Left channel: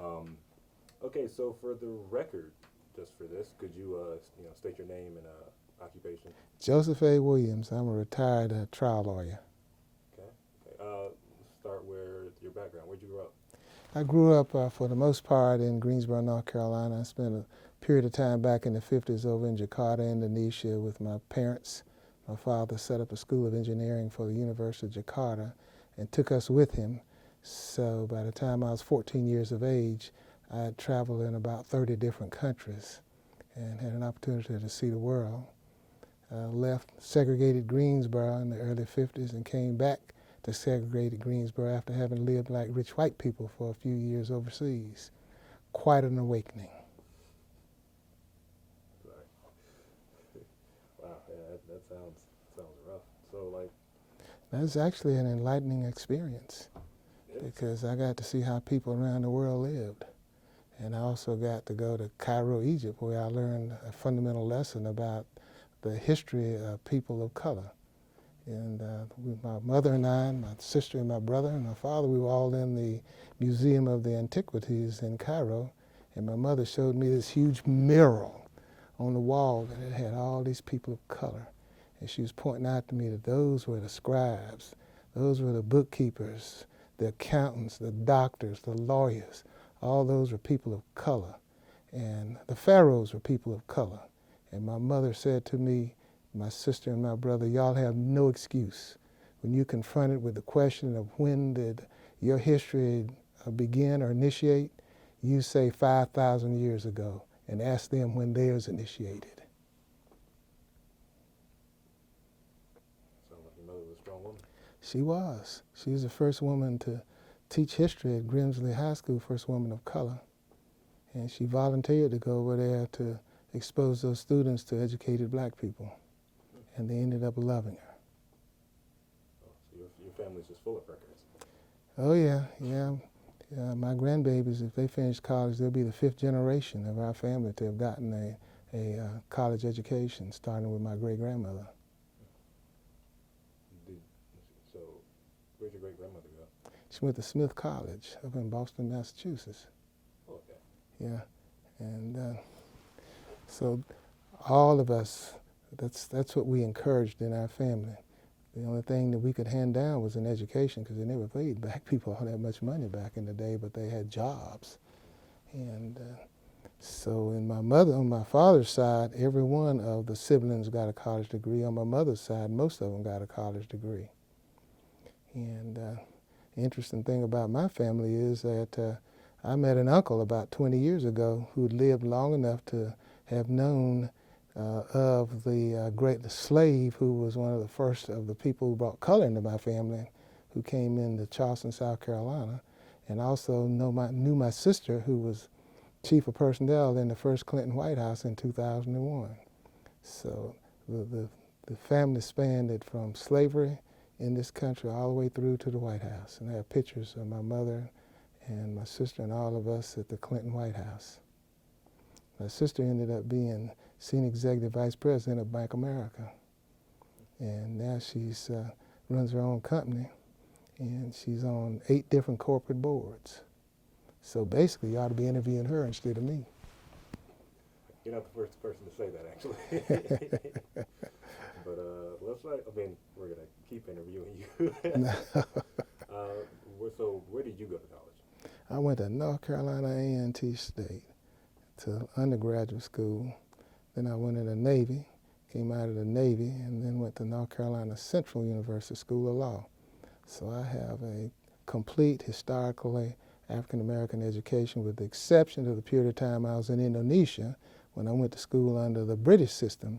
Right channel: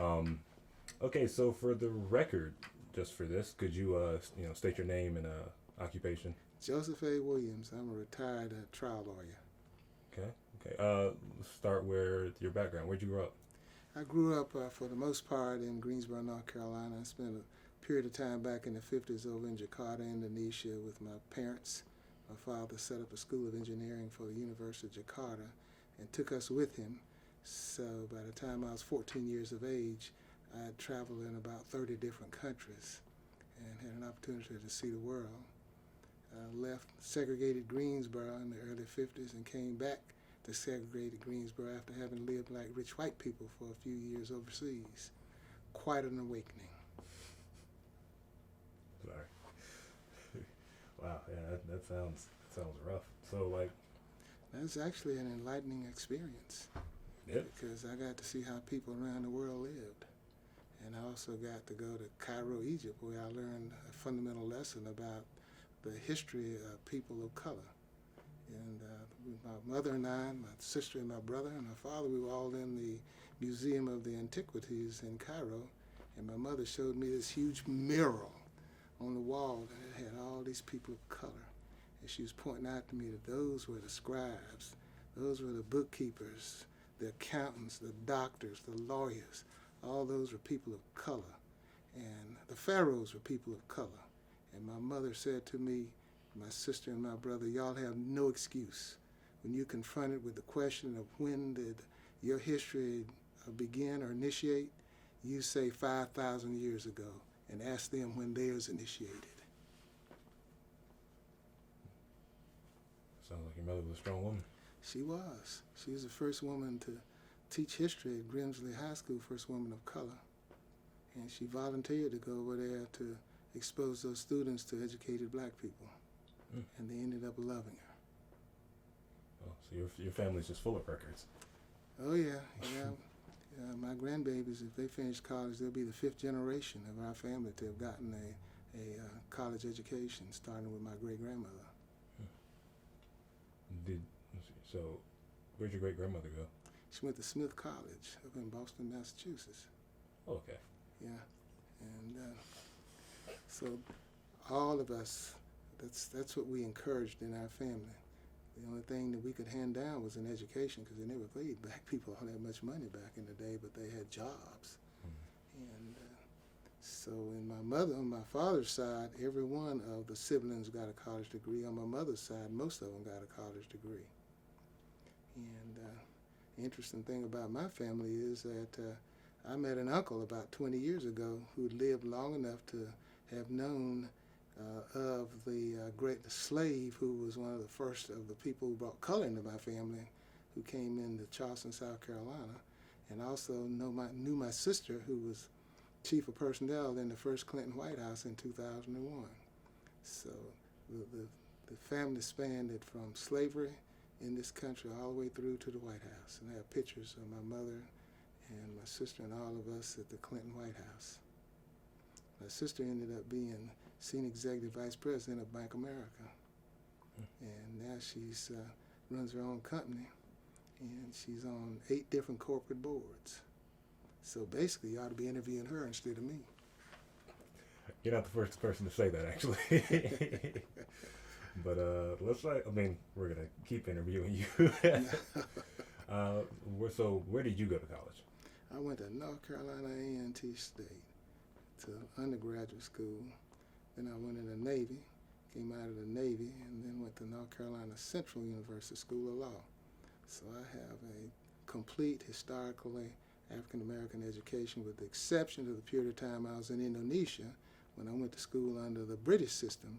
Okay, so for the record, just for this, could you state your name and occupation? Joseph A. Williams. I'm a retired trial lawyer. Okay, okay. Let's start where your background. Where'd you grow up? I grew up, for the most part, in Greensboro, North Carolina. I spent a period of time back in the 50s over in Jakarta, Indonesia, with my parents. My father set up a school of engineering for the University of Jakarta and took us with him. So by the time I was 14 years of age, I had traveled in about 30 different countries and had an opportunity to see the world. Left segregated Greensboro in the early 50s and came back to segregated Greensboro after having lived like rich white people for a few years overseas. Quite an awakening. Sorry. Wow, yeah, that sounds rough. So like, That was actually an enlightening experience yeah, because I got to see how people around the world lived. And I also got to go to Cairo, Egypt, where I learned a fundamental lesson about the history of people of color. And my mother and I, and my sister and my brother and my father, we were all in the Museum of the Antiquities in Cairo. And my mother showed me this huge mural on the wall that it had all these people of color. And she was pointing out to me that those were the scribes, those were the bookkeepers, the accountants, the doctors, the lawyers. All those were people of color. And the pharaohs were people of color. And my mother said to me, my sister and my brother, y'all have no excuse. When you're confronted with the question of when did your history begin or initiate, you say 5,000 years ago and ask them when theirs initiated. sounds like your mother was a strong woman. She was. She was the first woman to teach history at Grimsley High School, first woman of color. And she volunteered to go over there to expose those students to educated black people. And they ended up loving her. Oh, so your family's just full of records. Oh, yeah, yeah. My grandbabies, if they finish college, they'll be the fifth generation of our family to have gotten a college education, starting with my great-grandmother. Did so? Where'd your great grandmother go? She went to Smith College up in Boston, Massachusetts. Oh, okay. Yeah, and so all of us, that's what we encouraged in our family. The only thing that we could hand down was an education because they never paid black people all that much money back in the day, but they had jobs. And so on my father's side, every one of the siblings got a college degree. On my mother's side, most of them got a college degree. And the interesting thing about my family is that I met an uncle about 20 years ago who lived long enough to have known of the great slave who was one of the first of the people who brought color into my family, who came into Charleston, South Carolina, and also knew my sister, who was chief of personnel in the first Clinton White House in 2001. So the family spanned it from slavery in this country all the way through to the White House. And I have pictures of my mother and my sister and all of us at the Clinton White House. My sister ended up being senior executive vice president of Bank of America. And now she's runs her own company, and she's on 8 different corporate boards. So basically, you ought to be interviewing her instead of me. You're not the first person to say that, actually. But we're gonna keep interviewing you. So where did you go to college? I went to North Carolina A&T State to undergraduate school. Then I went in the Navy, came out of the Navy, and then went to North Carolina Central University School of Law. So I have a complete historically African American education, with the exception of the period of time I was in Indonesia when I went to school under the British system.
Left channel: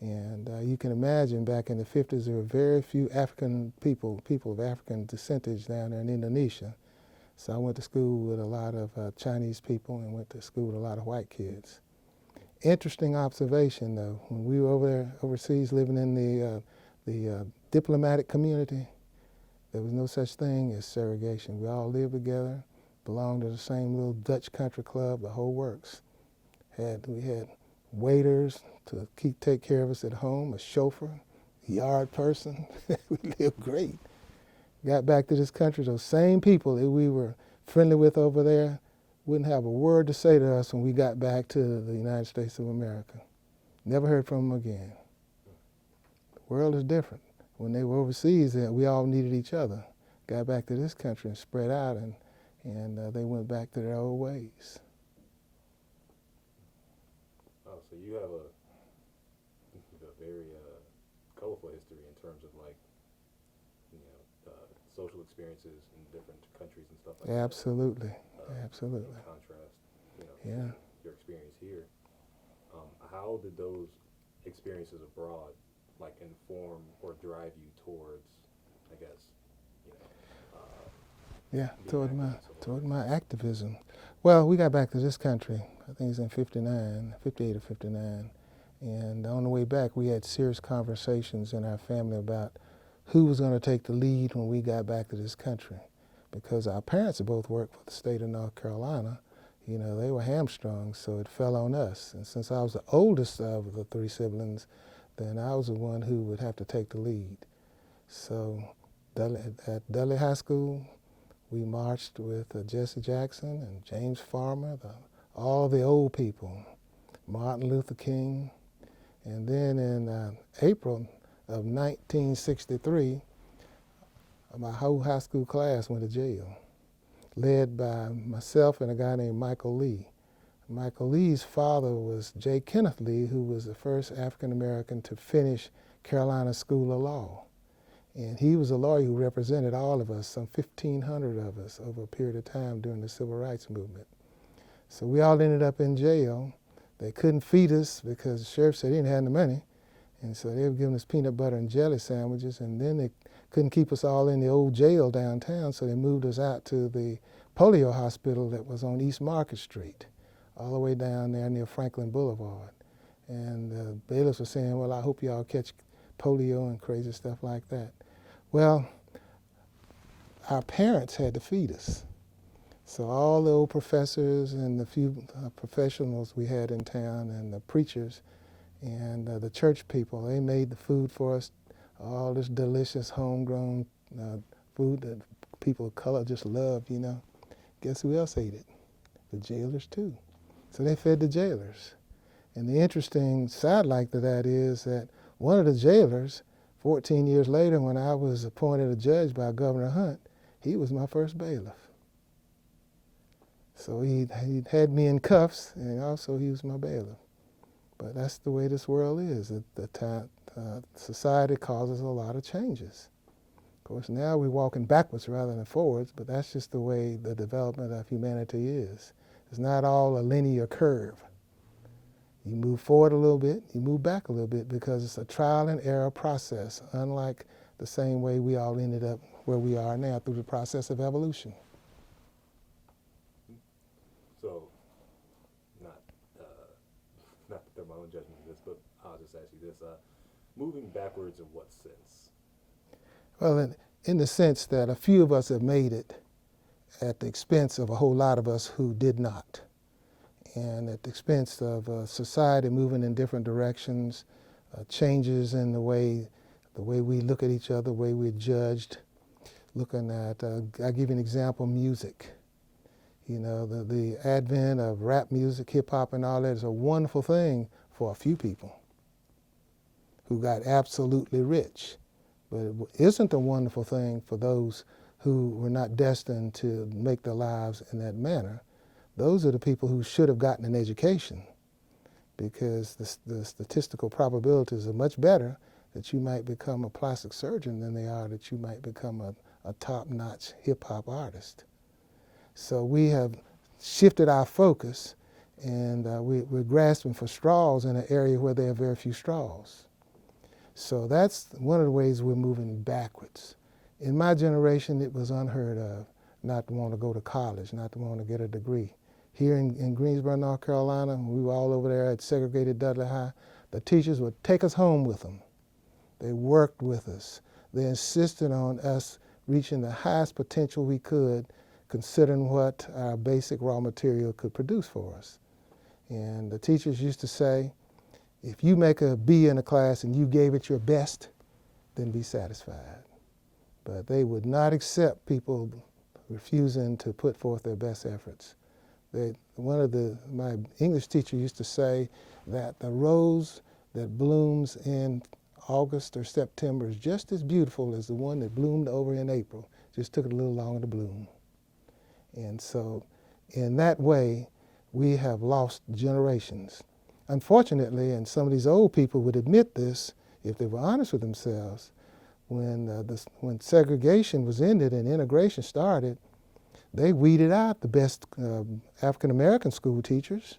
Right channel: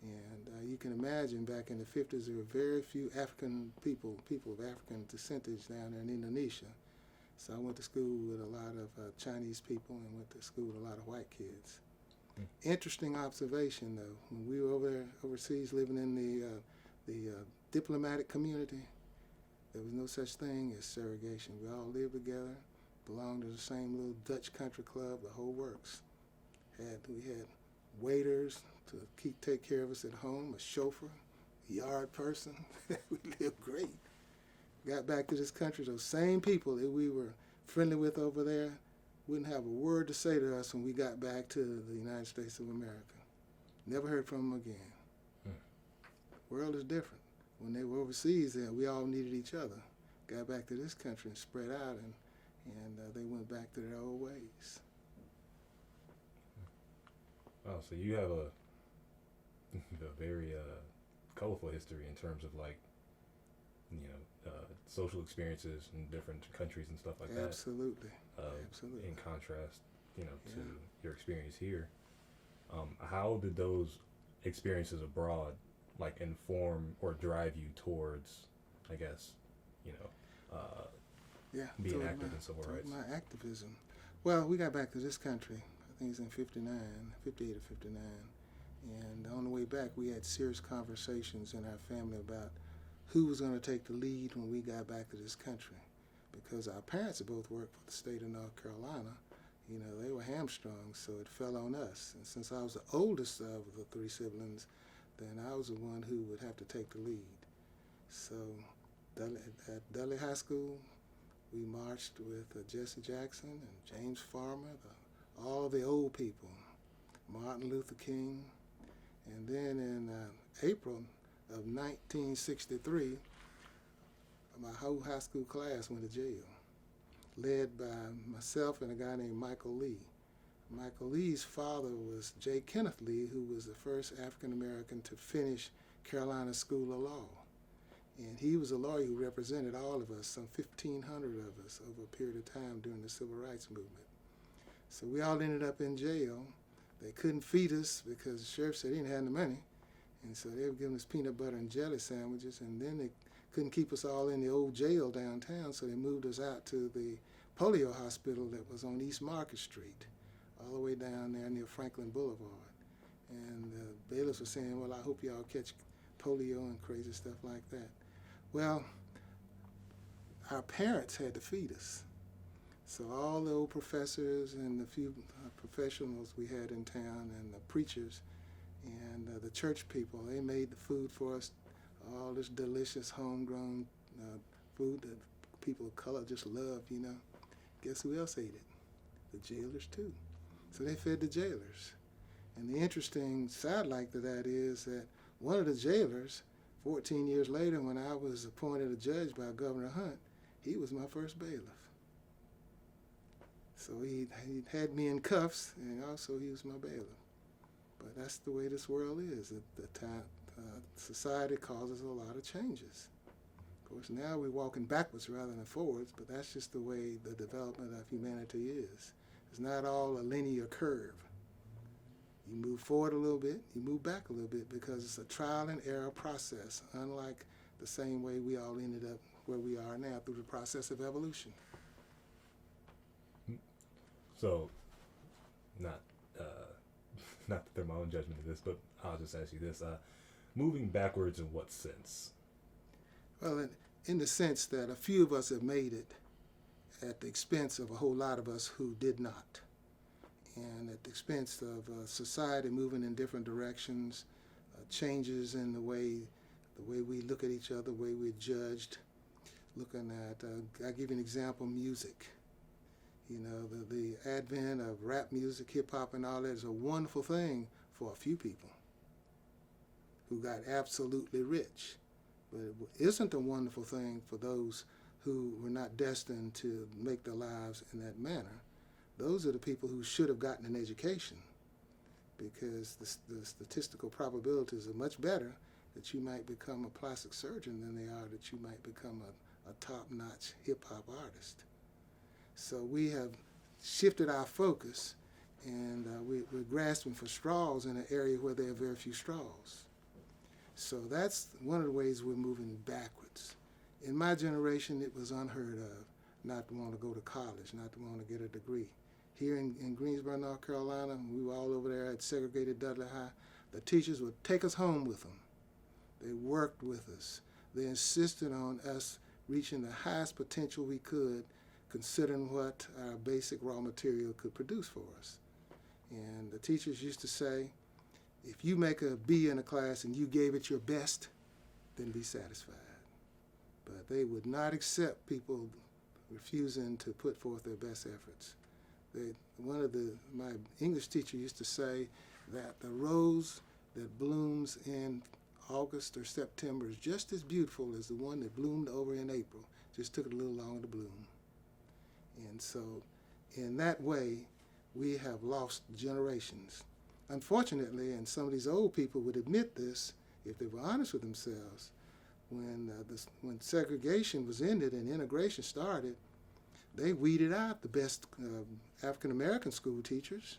And you can imagine back in the 50s there were very few African people of African descentage down there in Indonesia. So I went to school with a lot of Chinese people and went to school with a lot of white kids. Interesting observation, though, when we were over there overseas living in the diplomatic community, there was no such thing as segregation. We all lived together, belonged to the same little Dutch country club, the whole works. We had waiters to take care of us at home, a chauffeur, a yard person. We lived great. Got back to this country, those same people that we were friendly with over there, wouldn't have a word to say to us when we got back to the United States of America. Never heard from them again. The world is different. When they were overseas, we all needed each other. Got back to this country and spread out, and they went back to their old ways. Oh, so you have a very colorful history in terms of like, social experiences in different countries and stuff like that. Absolutely. Absolutely. In contrast, Yeah. to your experience here. How did those experiences abroad like inform or drive you towards, I guess, Yeah, being toward active my in civil toward rights? my activism. Well, we got back to this country, I think it's in 58 or 59. And on the way back, we had serious conversations in our family about who was going to take the lead when we got back to this country. Because our parents both worked for the state of North Carolina. They were hamstrung, so it fell on us. And since I was the oldest of the three siblings, then I was the one who would have to take the lead. So at Dudley High School, we marched with Jesse Jackson and James Farmer, all the old people, Martin Luther King. And then in April of 1963, my whole high school class went to jail, led by myself and a guy named Michael Lee. Michael Lee's father was J. Kenneth Lee, who was the first African American to finish Carolina School of Law. And he was a lawyer who represented all of us, some 1,500 of us, over a period of time during the Civil Rights Movement. So we all ended up in jail. They couldn't feed us because the sheriff said he didn't have the money. And so they were giving us peanut butter and jelly sandwiches, and then they couldn't keep us all in the old jail downtown, so they moved us out to the polio hospital that was on East Market Street, all the way down there near Franklin Boulevard. And the bailiffs were saying, well, I hope y'all catch polio and crazy stuff like that. Well, our parents had to feed us. So all the old professors and the few professionals we had in town and the preachers and the church people, they made the food for us, all this delicious homegrown food that people of color just loved, Guess who else ate it? The jailers too. So they fed the jailers. And the interesting sidelight to that is that one of the jailers, 14 years later, when I was appointed a judge by Governor Hunt, he was my first bailiff. So he had me in cuffs, and also he was my bailiff. But that's the way this world is. Society causes a lot of changes. Of course, now we're walking backwards rather than forwards, but that's just the way the development of humanity is. It's not all a linear curve. You move forward a little bit, you move back a little bit, because it's a trial and error process, unlike the same way we all ended up where we are now through the process of evolution. So, not to throw my own judgment in this, but I'll just ask you this. Moving backwards in what sense? Well, in the sense that a few of us have made it at the expense of a whole lot of us who did not. And at the expense of society moving in different directions, changes in the way we look at each other, the way we're judged. Looking at, I'll give you an example, music. The advent of rap music, hip hop and all that is a wonderful thing for a few people who got absolutely rich. But it isn't a wonderful thing for those who were not destined to make their lives in that manner. Those are the people who should have gotten an education, because the statistical probabilities are much better that you might become a plastic surgeon than they are that you might become a top-notch hip-hop artist. So we have shifted our focus, and we're grasping for straws in an area where there are very few straws. So that's one of the ways we're moving backwards. In my generation, it was unheard of not to want to go to college, not to want to get a degree. Here in Greensboro, North Carolina, we were all over there at segregated Dudley High. The teachers would take us home with them. They worked with us. They insisted on us reaching the highest potential we could, considering what our basic raw material could produce for us. And the teachers used to say, if you make a B in a class and you gave it your best, then be satisfied. But they would not accept people refusing to put forth their best efforts. My English teacher used to say that the rose that blooms in August or September is just as beautiful as the one that bloomed over in April. Just took it a little longer to bloom. And so in that way, we have lost generations. Unfortunately, and some of these old people would admit this if they were honest with themselves, when segregation was ended and integration started, they weeded out the best African-American school teachers.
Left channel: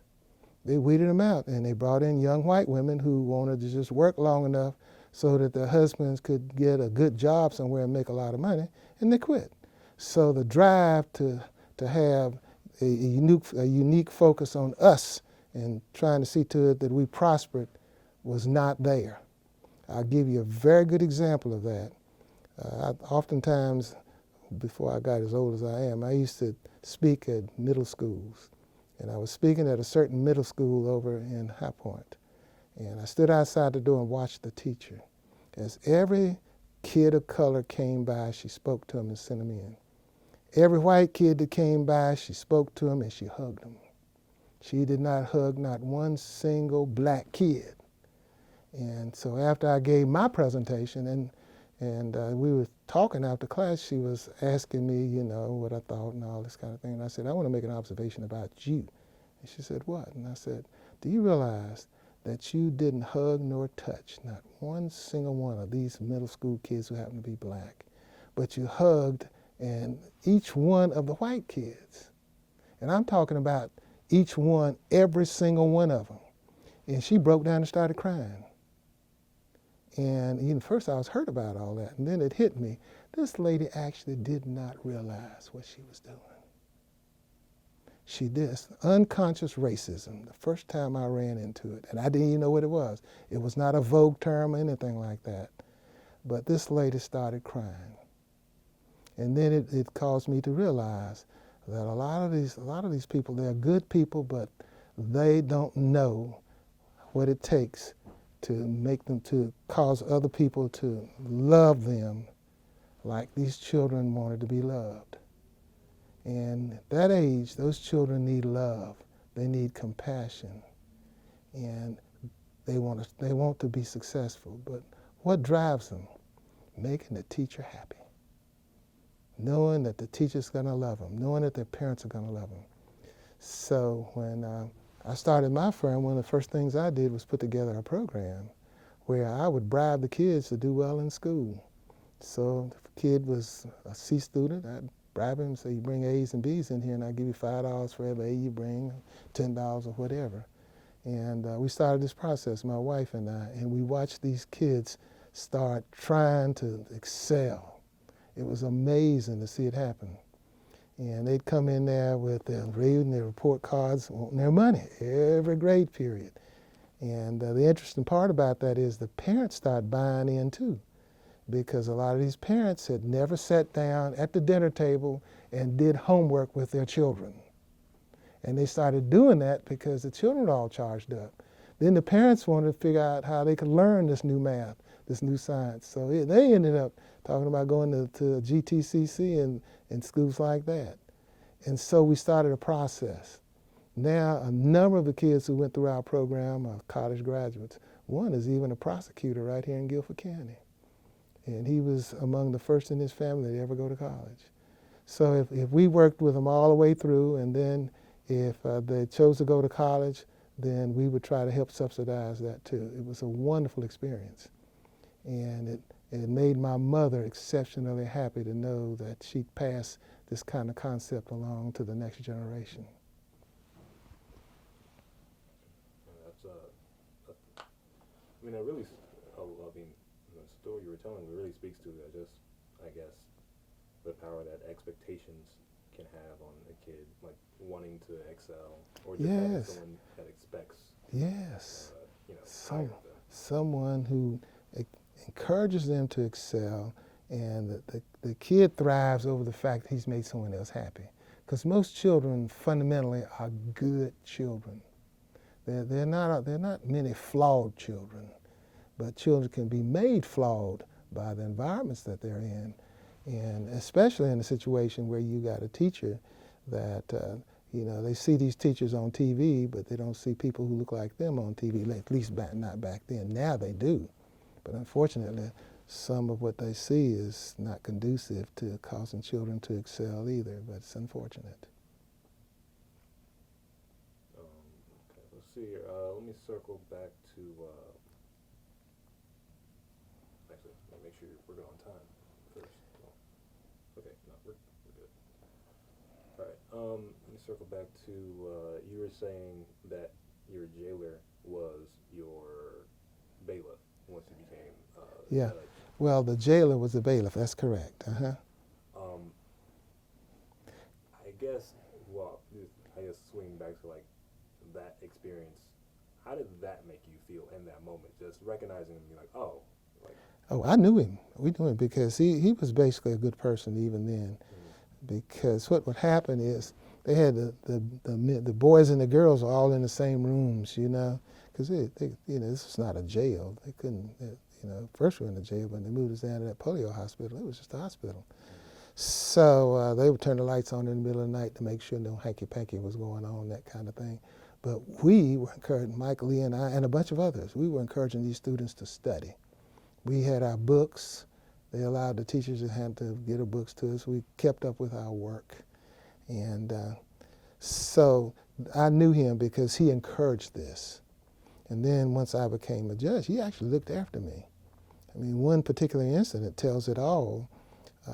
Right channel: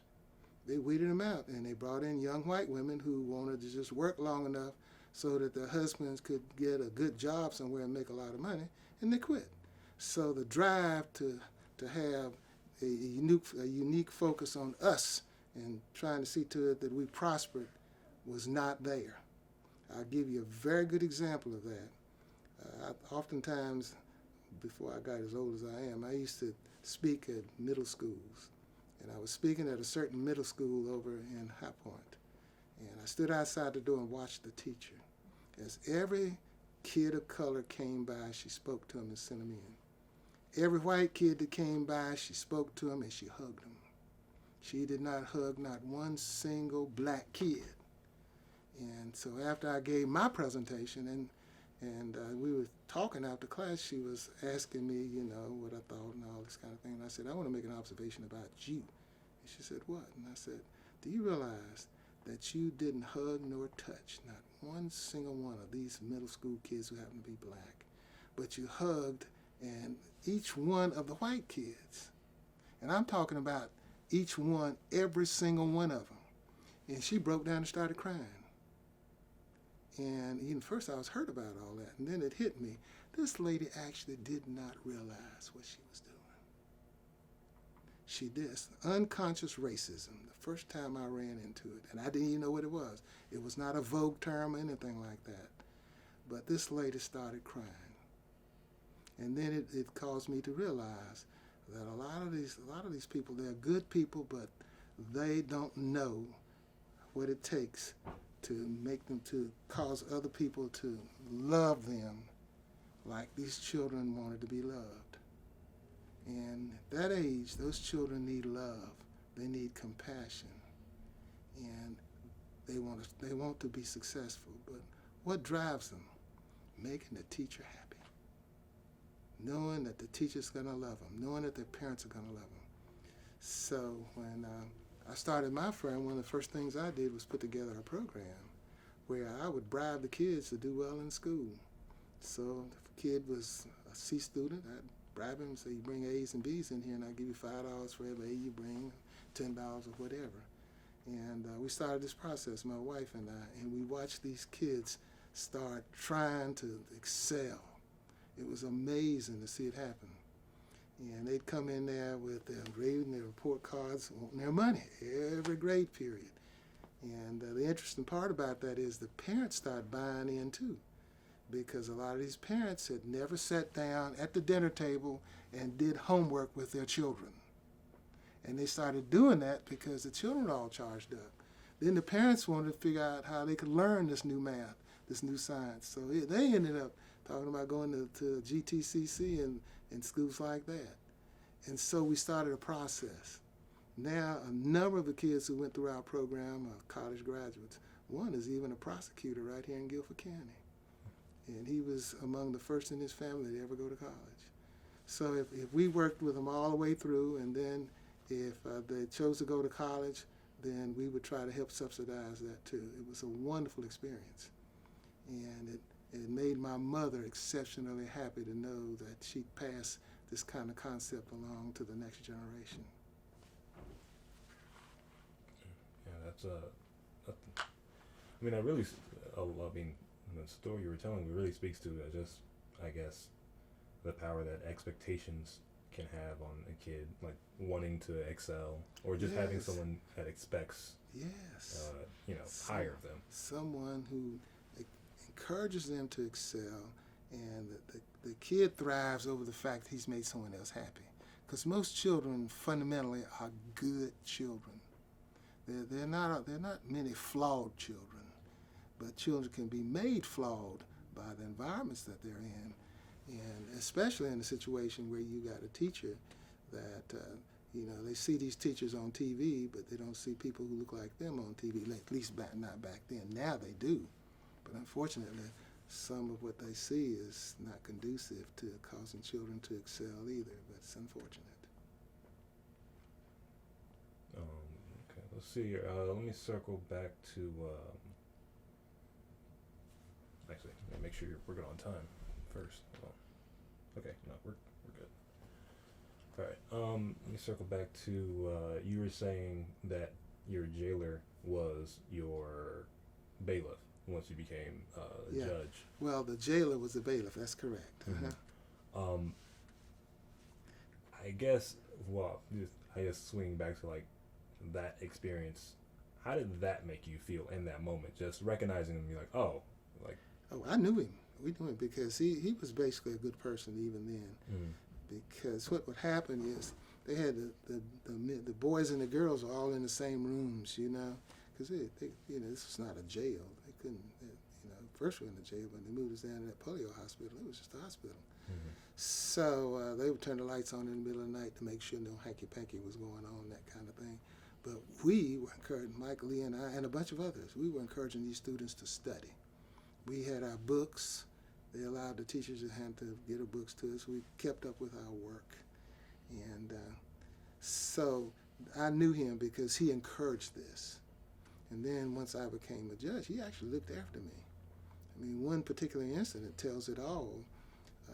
They weeded them out, and they brought in young white women who wanted to just work long enough so that their husbands could get a good job somewhere and make a lot of money, and they quit. So the drive to have a unique focus on us and trying to see to it that we prospered was not there. I'll give you a very good example of that. Oftentimes, before I got as old as I am, I used to speak at middle schools. And I was speaking at a certain middle school over in High Point. And I stood outside the door and watched the teacher. As every kid of color came by, she spoke to him and sent him in. Every white kid that came by, she spoke to him and she hugged him. She did not hug not one single black kid. And so after I gave my presentation and we were talking after class, she was asking me, what I thought and all this kind of thing. And I said, I want to make an observation about you. And she said, what? And I said, do you realize that you didn't hug nor touch not one single one of these middle school kids who happen to be black, but you hugged and each one of the white kids. And I'm talking about each one, every single one of them. And she broke down and started crying. And even first I was hurt about all that. And then it hit me. This lady actually did not realize what she was doing. She did unconscious racism the first time I ran into it. And I didn't even know what it was. It was not a vogue term or anything like that. But this lady started crying. And then it caused me to realize that a lot of these people, they're good people, but they don't know what it takes to make them, to cause other people to love them like these children wanted to be loved. And at that age, those children need love. They need compassion. And they want to be successful. But what drives them? Making the teacher happy. Knowing that the teacher's going to love them. Knowing that their parents are going to love them. So when I started my firm, one of the first things I did was put together a program where I would bribe the kids to do well in school. So if a kid was a C student, I'd bribe him and say, you bring A's and B's in here and I'll give you $5 for every A you bring, $10 or whatever. And we started this process, my wife and I, and we watched these kids start trying to excel. It was amazing to see it happen. And they'd come in there with their reading their report cards, wanting their money every grade period. And the interesting part about that is the parents start buying in too, because a lot of these parents had never sat down at the dinner table and did homework with their children. And they started doing that because the children were all charged up. Then the parents wanted to figure out how they could learn this new math, this new science. So they ended up talking about going to GTCC and schools like that. And so we started a process. Now a number of the kids who went through our program are college graduates. One is even a prosecutor right here in Guilford County. And he was among the first in his family to ever go to college. So if we worked with them all the way through, and then if they chose to go to college, then we would try to help subsidize that too. It was a wonderful experience. And it made my mother exceptionally happy to know that she'd pass this kind of concept along to the next generation. Yeah, I mean, the story you were telling really speaks to just, I guess, the power that expectations can have on a kid, like wanting to excel, or just having someone that expects, higher of them. Someone who encourages them to excel, and the kid thrives over the fact he's made someone else happy. Because most children fundamentally are good children. They're not many flawed children, but children can be made flawed by the environments that they're in, and especially in a situation where you got a teacher that You know, they see these teachers on TV, but they don't see people who look like them on TV, at least not back then. Now they do. But unfortunately, some of what they see is not conducive to causing children to excel either, but it's unfortunate. Okay, let's see here. Let me circle back to, actually, make sure we're good on time first. Well, okay, no, we're good. All right, let me circle back to, you were saying that your jailer was your bailiff once you became the judge. Well, the jailer was the bailiff, that's correct. I guess, well, I guess swinging back to like that experience, how did that make you feel in that moment? Just recognizing him, you're like, oh, like. Oh, I knew him. We knew him because he was basically a good person even then. Because what would happen is they had the boys and the girls are all in the same rooms, you know, because they you know, this was not a jail. They couldn't, you know, first we were in the jail, but they moved us down to that polio hospital. It was just a hospital. So they would turn the lights on in the middle of the night to make sure no hanky-panky was going on, that kind of thing. But we were encouraging, Mike Lee and I, and a bunch of others, we were encouraging these students to study. We had our books. They allowed the teachers that had to get our books to us. We kept up with our work. And so I knew him because he encouraged this. And then once I became a judge, he actually looked after me. I mean, one particular incident tells it all.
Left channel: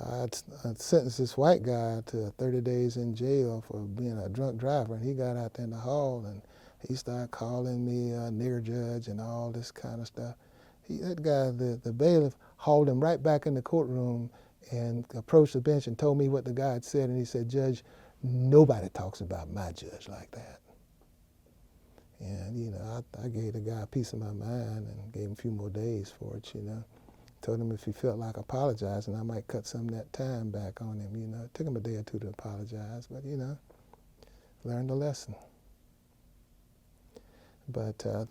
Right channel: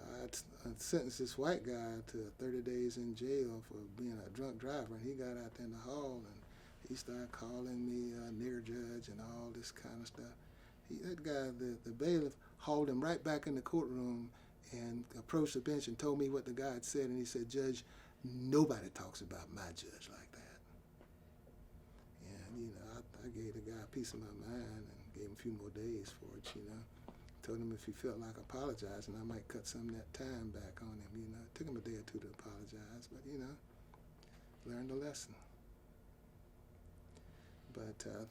I'd sentenced this white guy to 30 days in jail for being a drunk driver, and he got out there in the hall and he started calling me a nigger judge and all this kind of stuff. That guy, the bailiff, hauled him right back in the courtroom and approached the bench and told me what the guy had said, and he said, "Judge, nobody talks about my judge like that." And, you know, I gave the guy a piece of my mind and gave him a few more days for it, you know. Told him if he felt like apologizing, I might cut some of that time back on him, you know. It took him a day or two to apologize, but, you know, learned a lesson. But the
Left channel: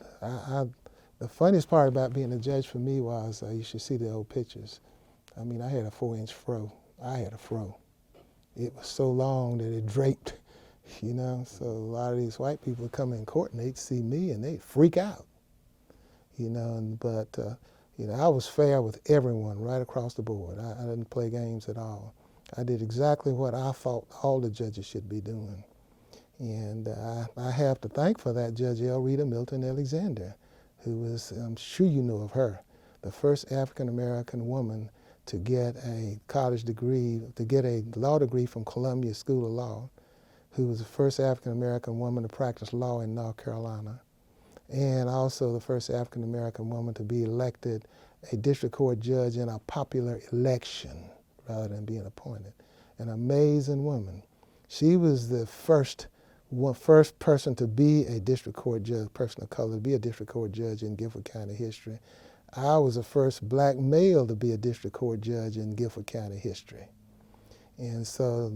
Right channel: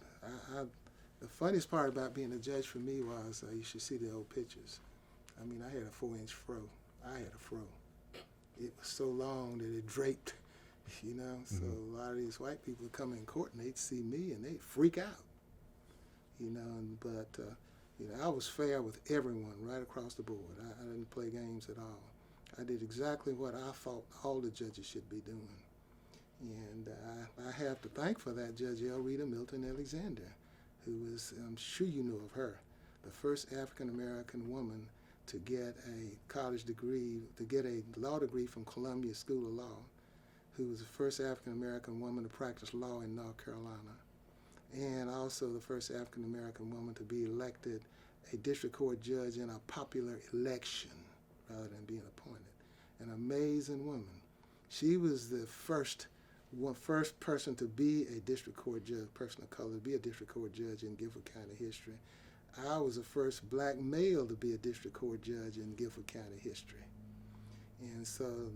funniest part about being a judge for me was, you should see the old pictures. I mean, I had a 4-inch fro. I had a fro. It was so long that it draped, you know. So a lot of these white people would come in court and they'd see me and they'd freak out, you know. But you know, I was fair with everyone right across the board. I didn't play games at all. I did exactly what I thought all the judges should be doing. And I have to thank for that Judge L. Rita Milton Alexander, who was, I'm sure you know of her, the first African-American woman to get a college degree, to get a law degree from Columbia School of Law, who was the first African-American woman to practice law in North Carolina, and also the first African-American woman to be elected a district court judge in a popular election rather than being appointed. An amazing woman. She was the first person to be a district court judge, person of color, to be a district court judge in Guilford County history. I was the first black male to be a district court judge in Guilford County history. And so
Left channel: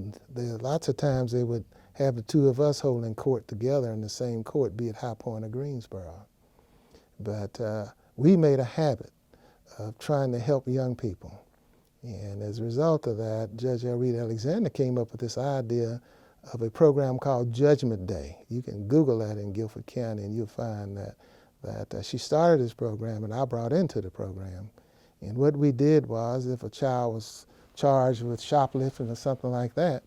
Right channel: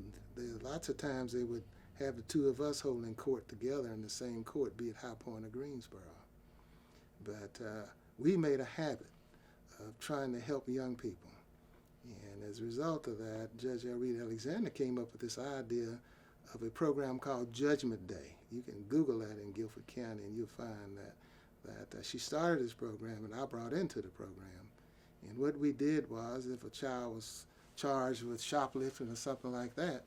lots of times they would have the two of us holding court together in the same court, be it High Point or Greensboro. But we made a habit of trying to help young people. And as a result of that, Judge L. Rita Alexander came up with this idea of a program called Judgment Day. You can Google that in Guilford County and you'll find that she started this program and I brought into the program. And what we did was, if a child was charged with shoplifting or something like that,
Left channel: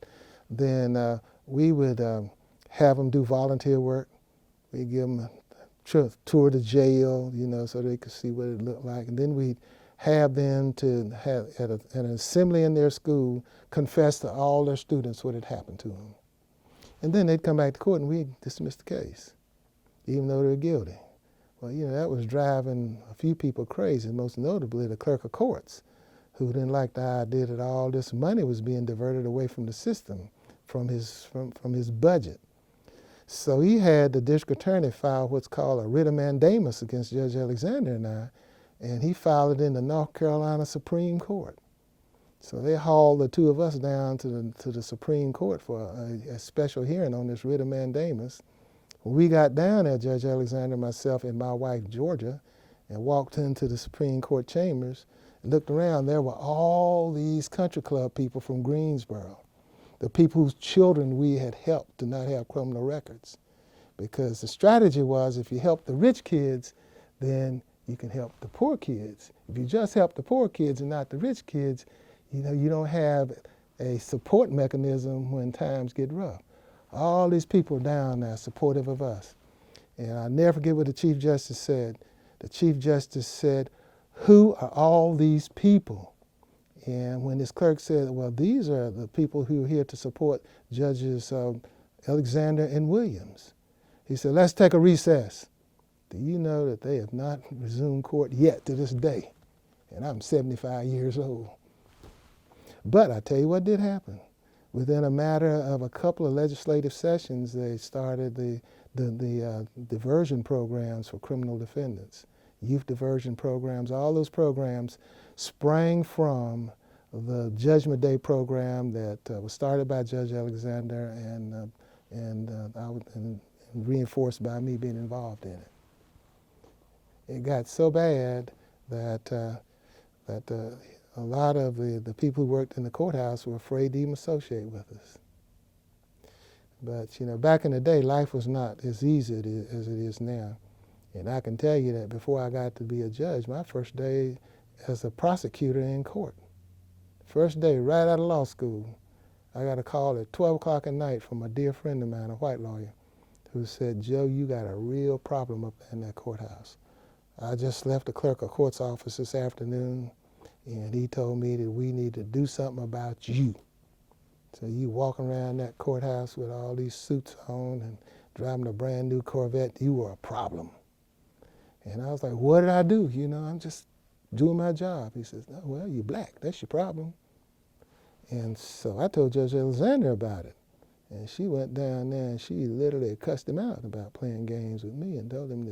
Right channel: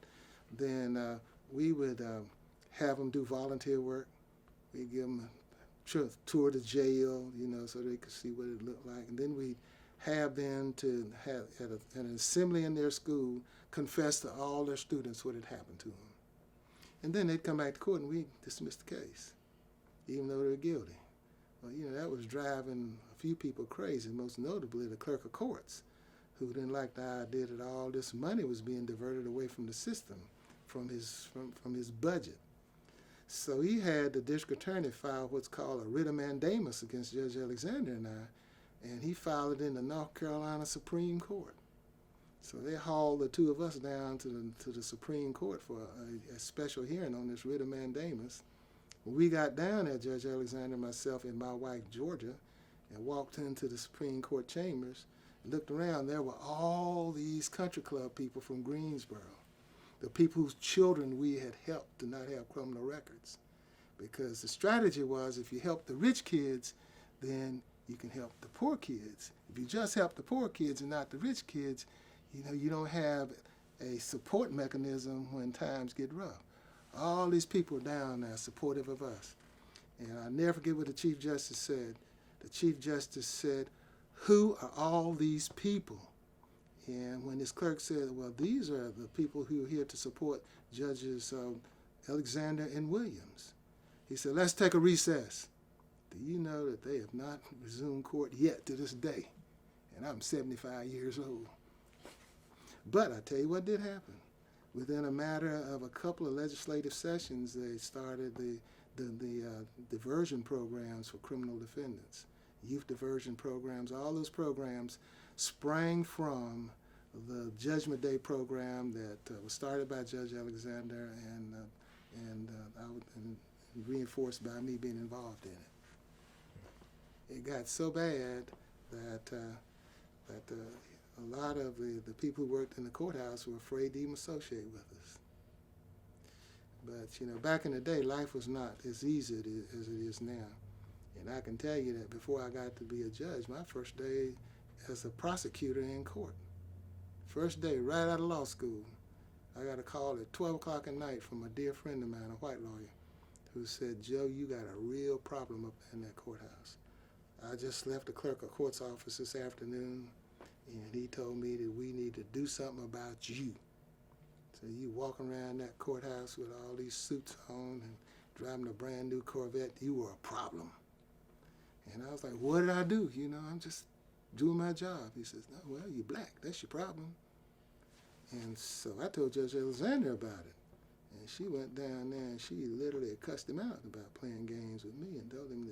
then we would have them do volunteer work. We'd give them a tour to jail, you know, so they could see what it looked like. And then we'd have them to have, at an assembly in their school, confess to all their students what had happened to them. And then they'd come back to court and we'd dismiss the case, even though they were guilty. Well, you know, that was driving a few people crazy, most notably the clerk of courts, who didn't like the idea that all this money was being diverted away from the system, from his budget. So he had the district attorney file what's called a writ of mandamus against Judge Alexander and I, and he filed it in the North Carolina Supreme Court. So they hauled the two of us down to the Supreme Court for a special hearing on this writ of mandamus. When we got down there, Judge Alexander, myself, and my wife, Georgia, and walked into the Supreme Court chambers and looked around, there were all these country club people from Greensboro. the people whose children we had helped to not have criminal records. Because the strategy was, if you help the rich kids, then you can help the poor kids. If you just help the poor kids and not the rich kids, you don't have a support mechanism when times get rough. All these people down there supportive of us. And I'll never forget what the Chief Justice said. The Chief Justice said, "Who are all these people?" And when his clerk said, "Well, these are the people who are here to support Judges Alexander and Williams," he said, "Let's take a recess." Do you know that they have not resumed court yet to this day? And I'm 75 years old. But I tell you what did happen. Within a matter of a couple of legislative sessions, they started the diversion programs for criminal defendants, youth diversion programs. All those programs sprang from the Judgment Day program that was started by Judge Alexander and reinforced by me being involved in it. It got so bad that a lot of the people who worked in the courthouse were afraid to even associate with us. But back in the day, life was not as easy as it is now. And I can tell you that before I got to be a judge, my first day as a prosecutor in court, first day right out of law school, I got a call at 12 o'clock at night from a dear friend of mine, a white lawyer, who said, "Joe, you got a real problem up in that courthouse. I just left the clerk of court's office this afternoon, and he told me that we need to do something about you. So you walking around that courthouse with all these suits on and driving a brand new Corvette, you were a problem." And I was like, "What did I do? I'm just doing my job." He says, "No, well, you're black. That's your problem." And so I told Judge Alexander about it. And she went down there and she literally cussed him out about playing games with me and told him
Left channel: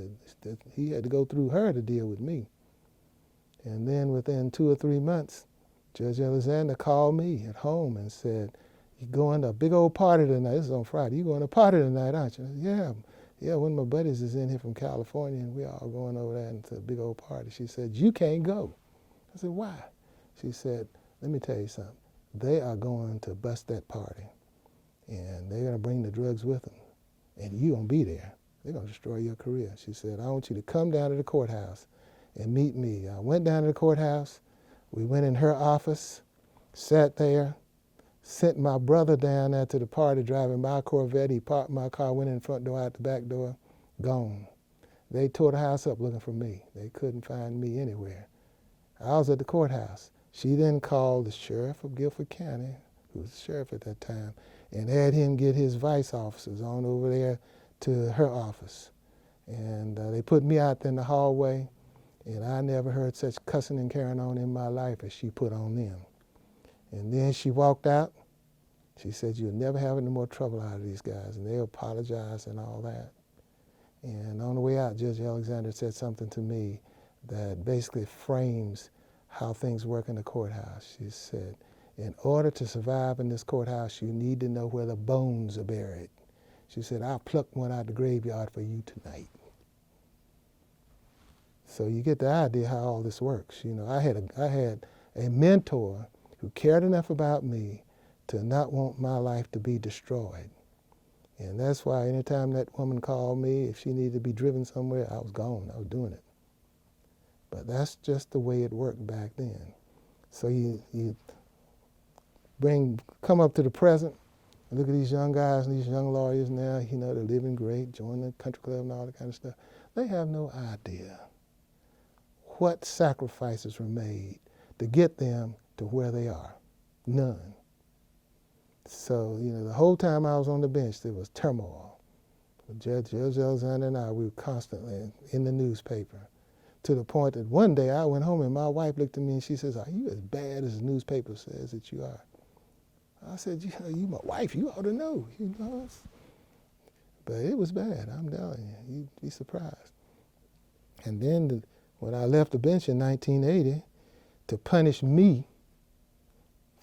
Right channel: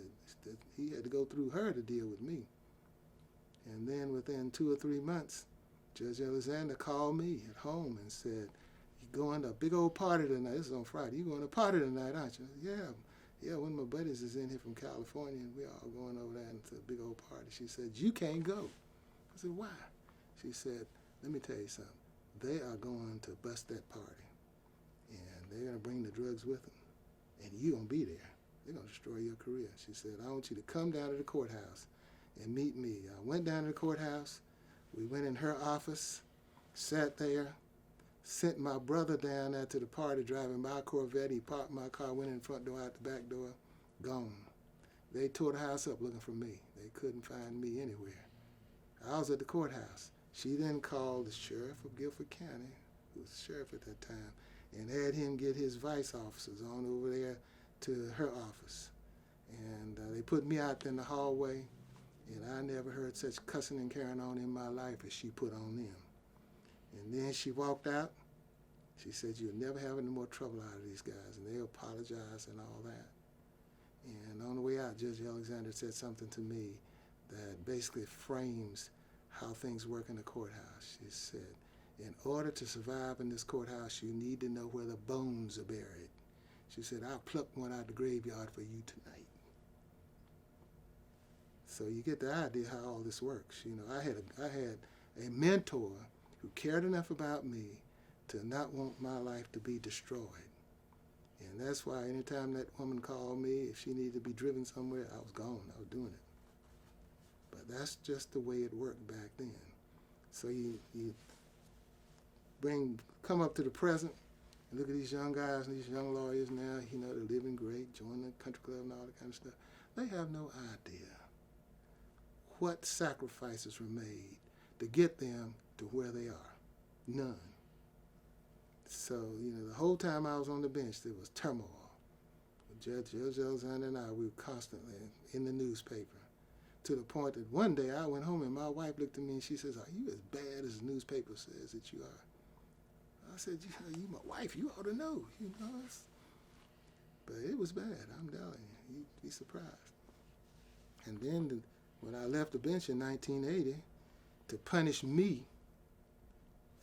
that he had to go through her to deal with me. And then within 2 or 3 months, Judge Alexander called me at home and said, "You're going to a big old party tonight." This is on Friday. "You're going to a party tonight, aren't you?" I said, Yeah, one of my buddies is in here from California, and we're all going over there to a big old party. She said, "You can't go." I said, "Why?" She said, "Let me tell you something. They are going to bust that party, and they're going to bring the drugs with them, and you won't be there. They're going to destroy your career." She said, "I want you to come down to the courthouse and meet me." I went down to the courthouse. We went in her office, sat there, sent my brother down there to the party driving my Corvette. He parked my car, went in the front door, out the back door, gone. They tore the house up looking for me. They couldn't find me anywhere. I was at the courthouse. She then called the sheriff of Guilford County, who was the sheriff at that time, and had him get his vice officers on over there to her office. And they put me out there in the hallway, and I never heard such cussing and carrying on in my life as she put on them. And then she walked out. She said, "You'll never have any more trouble out of these guys." And they apologized and all that. And on the way out, Judge Alexander said something to me that basically frames how things work in the courthouse. She said, "In order to survive in this courthouse, you need to know where the bones are buried." She said, "I'll pluck one out of the graveyard for you tonight." So you get the idea how all this works. I had a mentor who cared enough about me to not want my life to be destroyed. And that's why anytime that woman called me, if she needed to be driven somewhere, I was gone. I was doing it. But that's just the way it worked back then. So you come up to the present, and look at these young guys and these young lawyers now, they're living great, joining the country club and all that kind of stuff. They have no idea what sacrifices were made to get them to where they are. None. So, the whole time I was on the bench, there was turmoil. Judge Alexander and I, we were constantly in the newspaper, to the point that one day I went home and my wife looked at me and she says, "Are you as bad as the newspaper says that you are?" I said, "You my wife, you ought to know." But it was bad, I'm telling you. You'd be surprised. And then when I left the bench in 1980, to punish me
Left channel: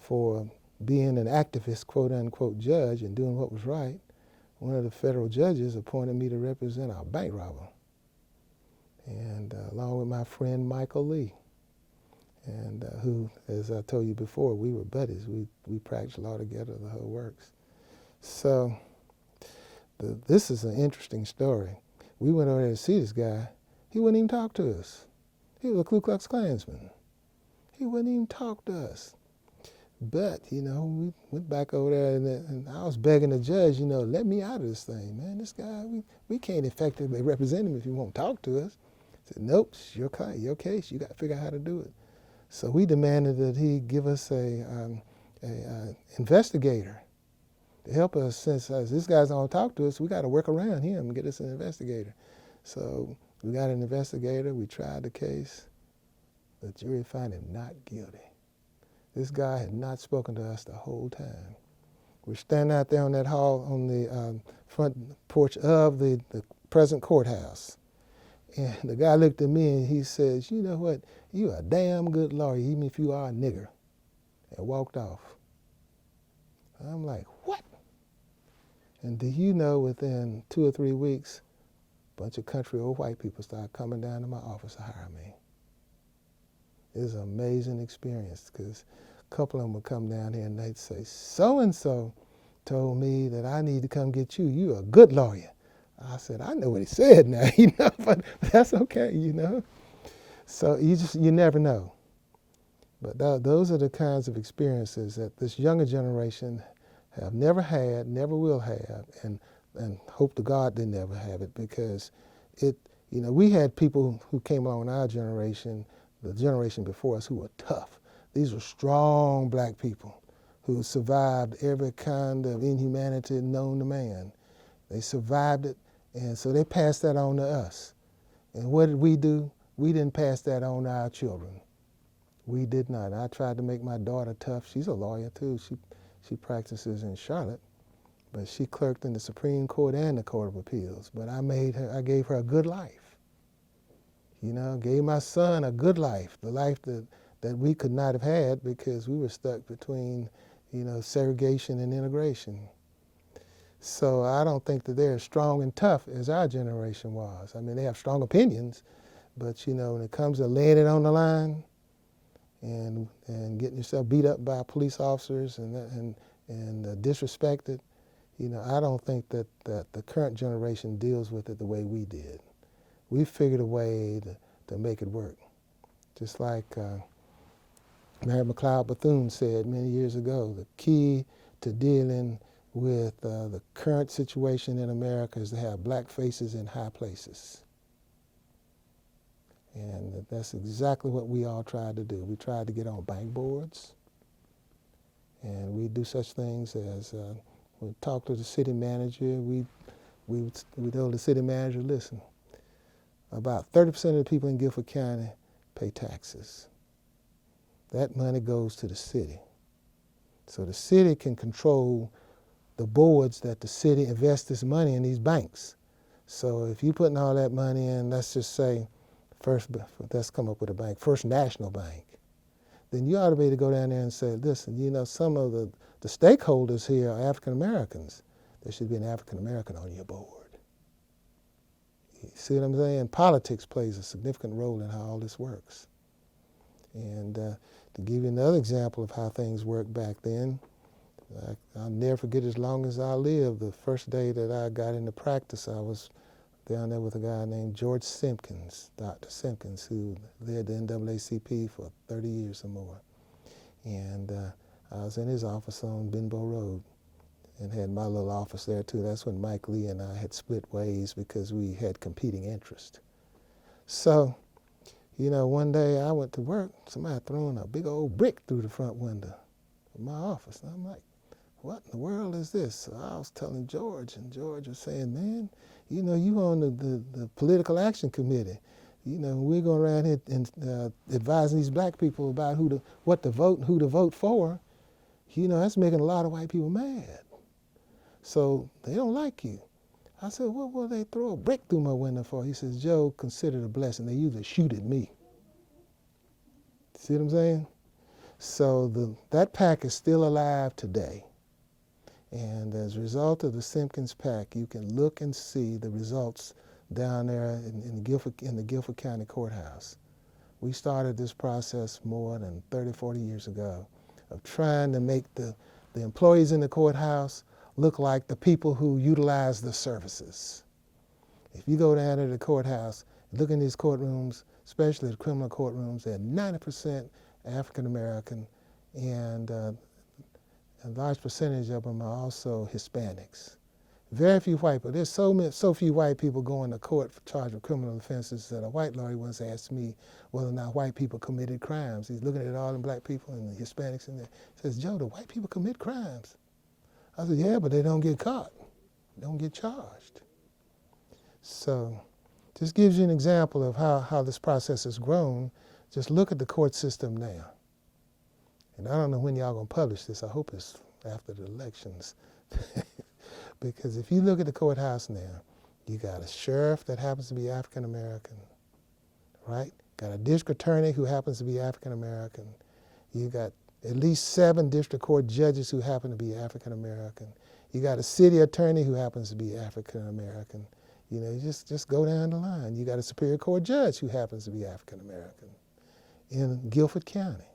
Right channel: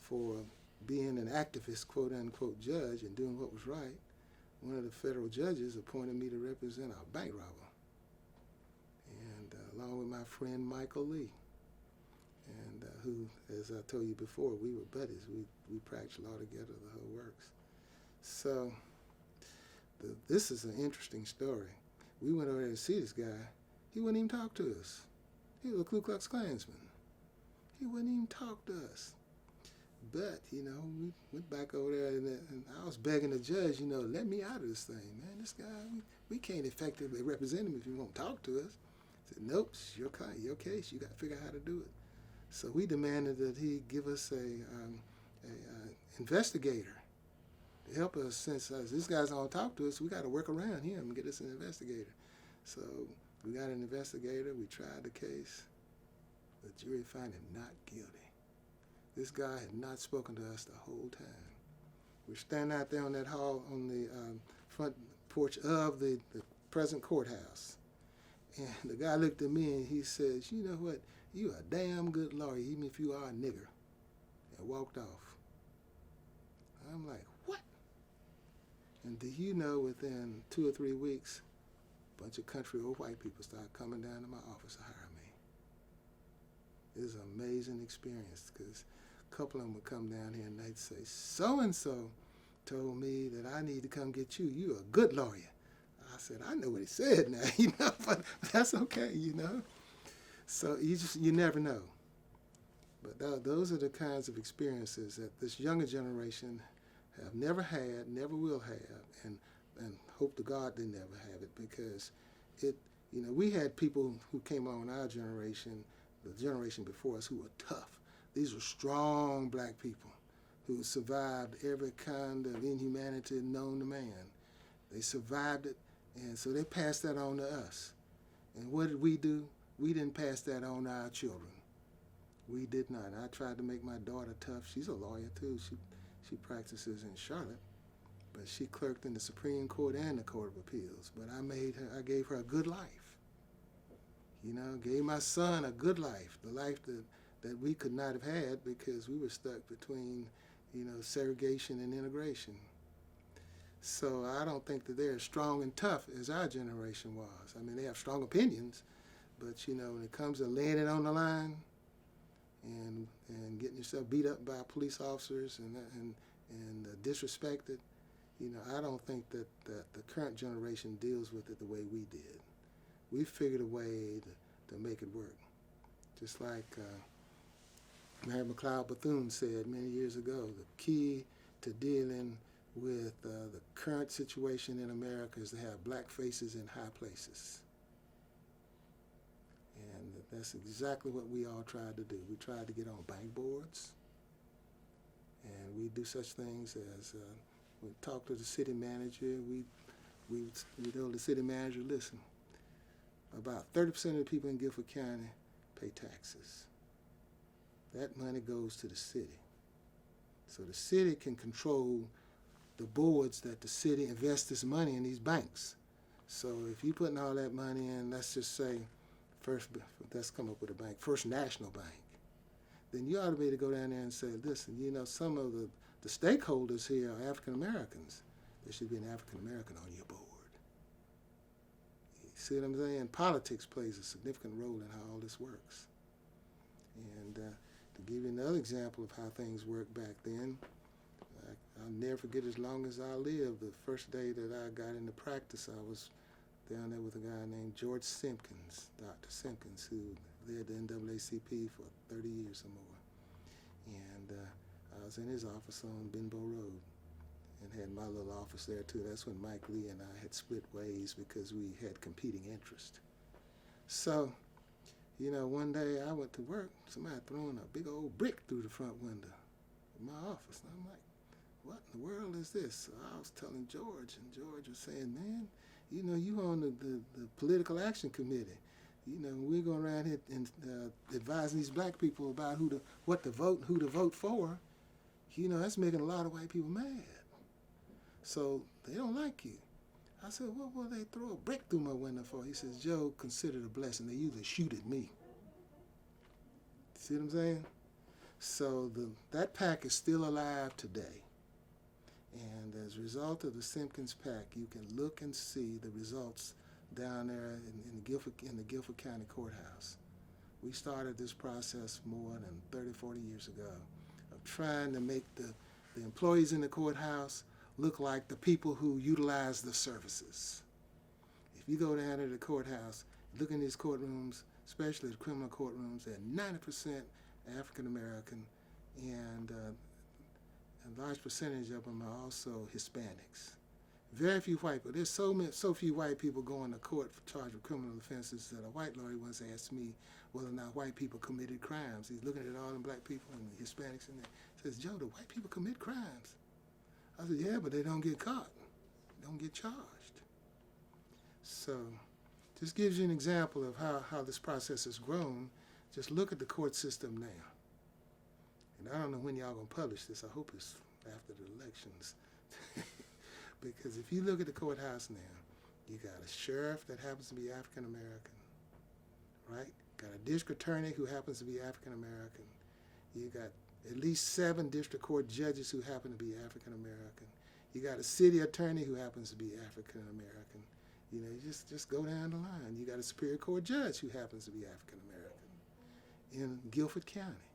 for being an activist, quote-unquote, judge and doing what was right, one of the federal judges appointed me to represent a bank robber, and along with my friend Michael Lee. and who, as I told you before, we were buddies. We practiced law together, the whole works. So this is an interesting story. We went over there to see this guy. He wouldn't even talk to us. He was a Ku Klux Klansman. He wouldn't even talk to us. But, we went back over there, and I was begging the judge, let me out of this thing, man. This guy, we can't effectively represent him if he won't talk to us. I said, nope, it's your case. You got to figure out how to do it. So we demanded that he give us a investigator to help us. Since this guy's don't talk to us, we got to work around him and get us an investigator. So we got an investigator. We tried the case. The jury found him not guilty. This guy had not spoken to us the whole time. We're standing out there on that hall on the front porch of the present courthouse. And the guy looked at me and he says, you know what, you're a damn good lawyer, even if you are a nigger, and walked off. I'm like, what? And do you know, within 2 or 3 weeks, a bunch of country old white people started coming down to my office to hire me. It was an amazing experience, because a couple of them would come down here and they'd say, so-and-so told me that I need to come get you. You're a good lawyer. I said, I know what he said now, but that's okay, So you never know. But those are the kinds of experiences that this younger generation have never had, never will have, and hope to God they never have it, because we had people who came on our generation, the generation before us, who were tough. These were strong black people who survived every kind of inhumanity known to man. They survived it, and so they passed that on to us. And what did we do? We didn't pass that on to our children. We did not. I tried to make my daughter tough. She's a lawyer too. She practices in Charlotte, but she clerked in the Supreme Court and the Court of Appeals. But I gave her a good life. Gave my son a good life, the life that we could not have had because we were stuck between, segregation and integration. So I don't think that they're as strong and tough as our generation was. I mean, they have strong opinions, but when it comes to laying it on the line and getting yourself beat up by police officers and disrespected, I don't think that the current generation deals with it the way we did. We figured a way to make it work. Just like Mary McLeod Bethune said many years ago, the key to dealing with the current situation in America is to have black faces in high places. And that's exactly what we all tried to do. We tried to get on bank boards, and we do such things as we talk to the city manager. We told the city manager, listen, about 30% of the people in Guilford County pay taxes. That money goes to the city. So the city can control the boards that the city invests its money in these banks. So if you're putting all that money in, let's just say, let's come up with a bank, First National Bank, then you ought to be able to go down there and say, listen, some of the stakeholders here are African Americans. There should be an African American on your board. You see what I'm saying? Politics plays a significant role in how all this works. And to give you another example of how things worked back then, I'll never forget, as long as I live, the first day that I got into practice, I was down there with a guy named George Simpkins, Dr. Simpkins, who led the NAACP for 30 years or more. And I was in his office on Benbow Road and had my little office there too. That's when Mike Lee and I had split ways because we had competing interests. So, one day I went to work, somebody throwing a big old brick through the front window of my office. And I'm like, what in the world is this? So I was telling George, and George was saying, man, you on the political action committee. We're going around here and advising these black people about what to vote and who to vote for. That's making a lot of white people mad. So they don't like you. I said, what will they throw a brick through my window for? He says, Joe, consider it a blessing. They usually shoot at me. See what I'm saying? So that pack is still alive today. And as a result of the Simpkins pack, you can look and see the results down there in the Guilford County Courthouse, we started this process more than 30, 40 years ago of trying to make the employees in the courthouse look like the people who utilize the services. If you go down to the courthouse, look in these courtrooms, especially the criminal courtrooms, they're 90% African American, and a large percentage of them are also Hispanics. Very few white people. There's so few white people going to court for charge of criminal offenses that a white lawyer once asked me whether or not white people committed crimes. He's looking at all the black people and the Hispanics in there. He says, "Joe, the white people commit crimes." I said, "Yeah, but they don't get caught. They don't get charged." So just gives you an example of how this process has grown. Just look at the court system now. And I don't know when y'all going to publish this. I hope it's after the elections. Because if you look at the courthouse now, you got a sheriff that happens to be African American, right? Got a district attorney who happens to be African American. You got at least 7 district court judges who happen to be African American. You got a city attorney who happens to be African American. You know, you just go down the line. You got a Superior Court judge who happens to be African American in Guilford County.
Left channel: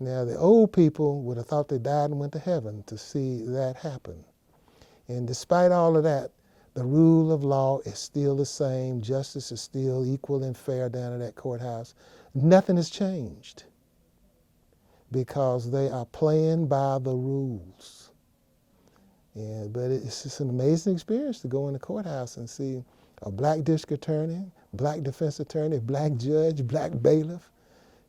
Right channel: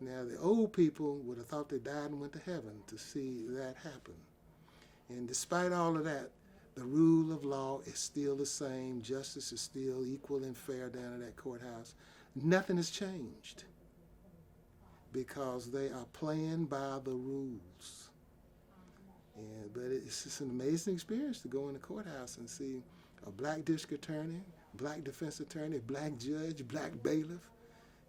Now, the old people would have thought they died and went to heaven to see that happen. And despite all of that, the rule of law is still the same. Justice is still equal and fair down in that courthouse. Nothing has changed because they are playing by the rules. But it's just an amazing experience to go in the courthouse and see a black district attorney, black defense attorney, black judge, black bailiff.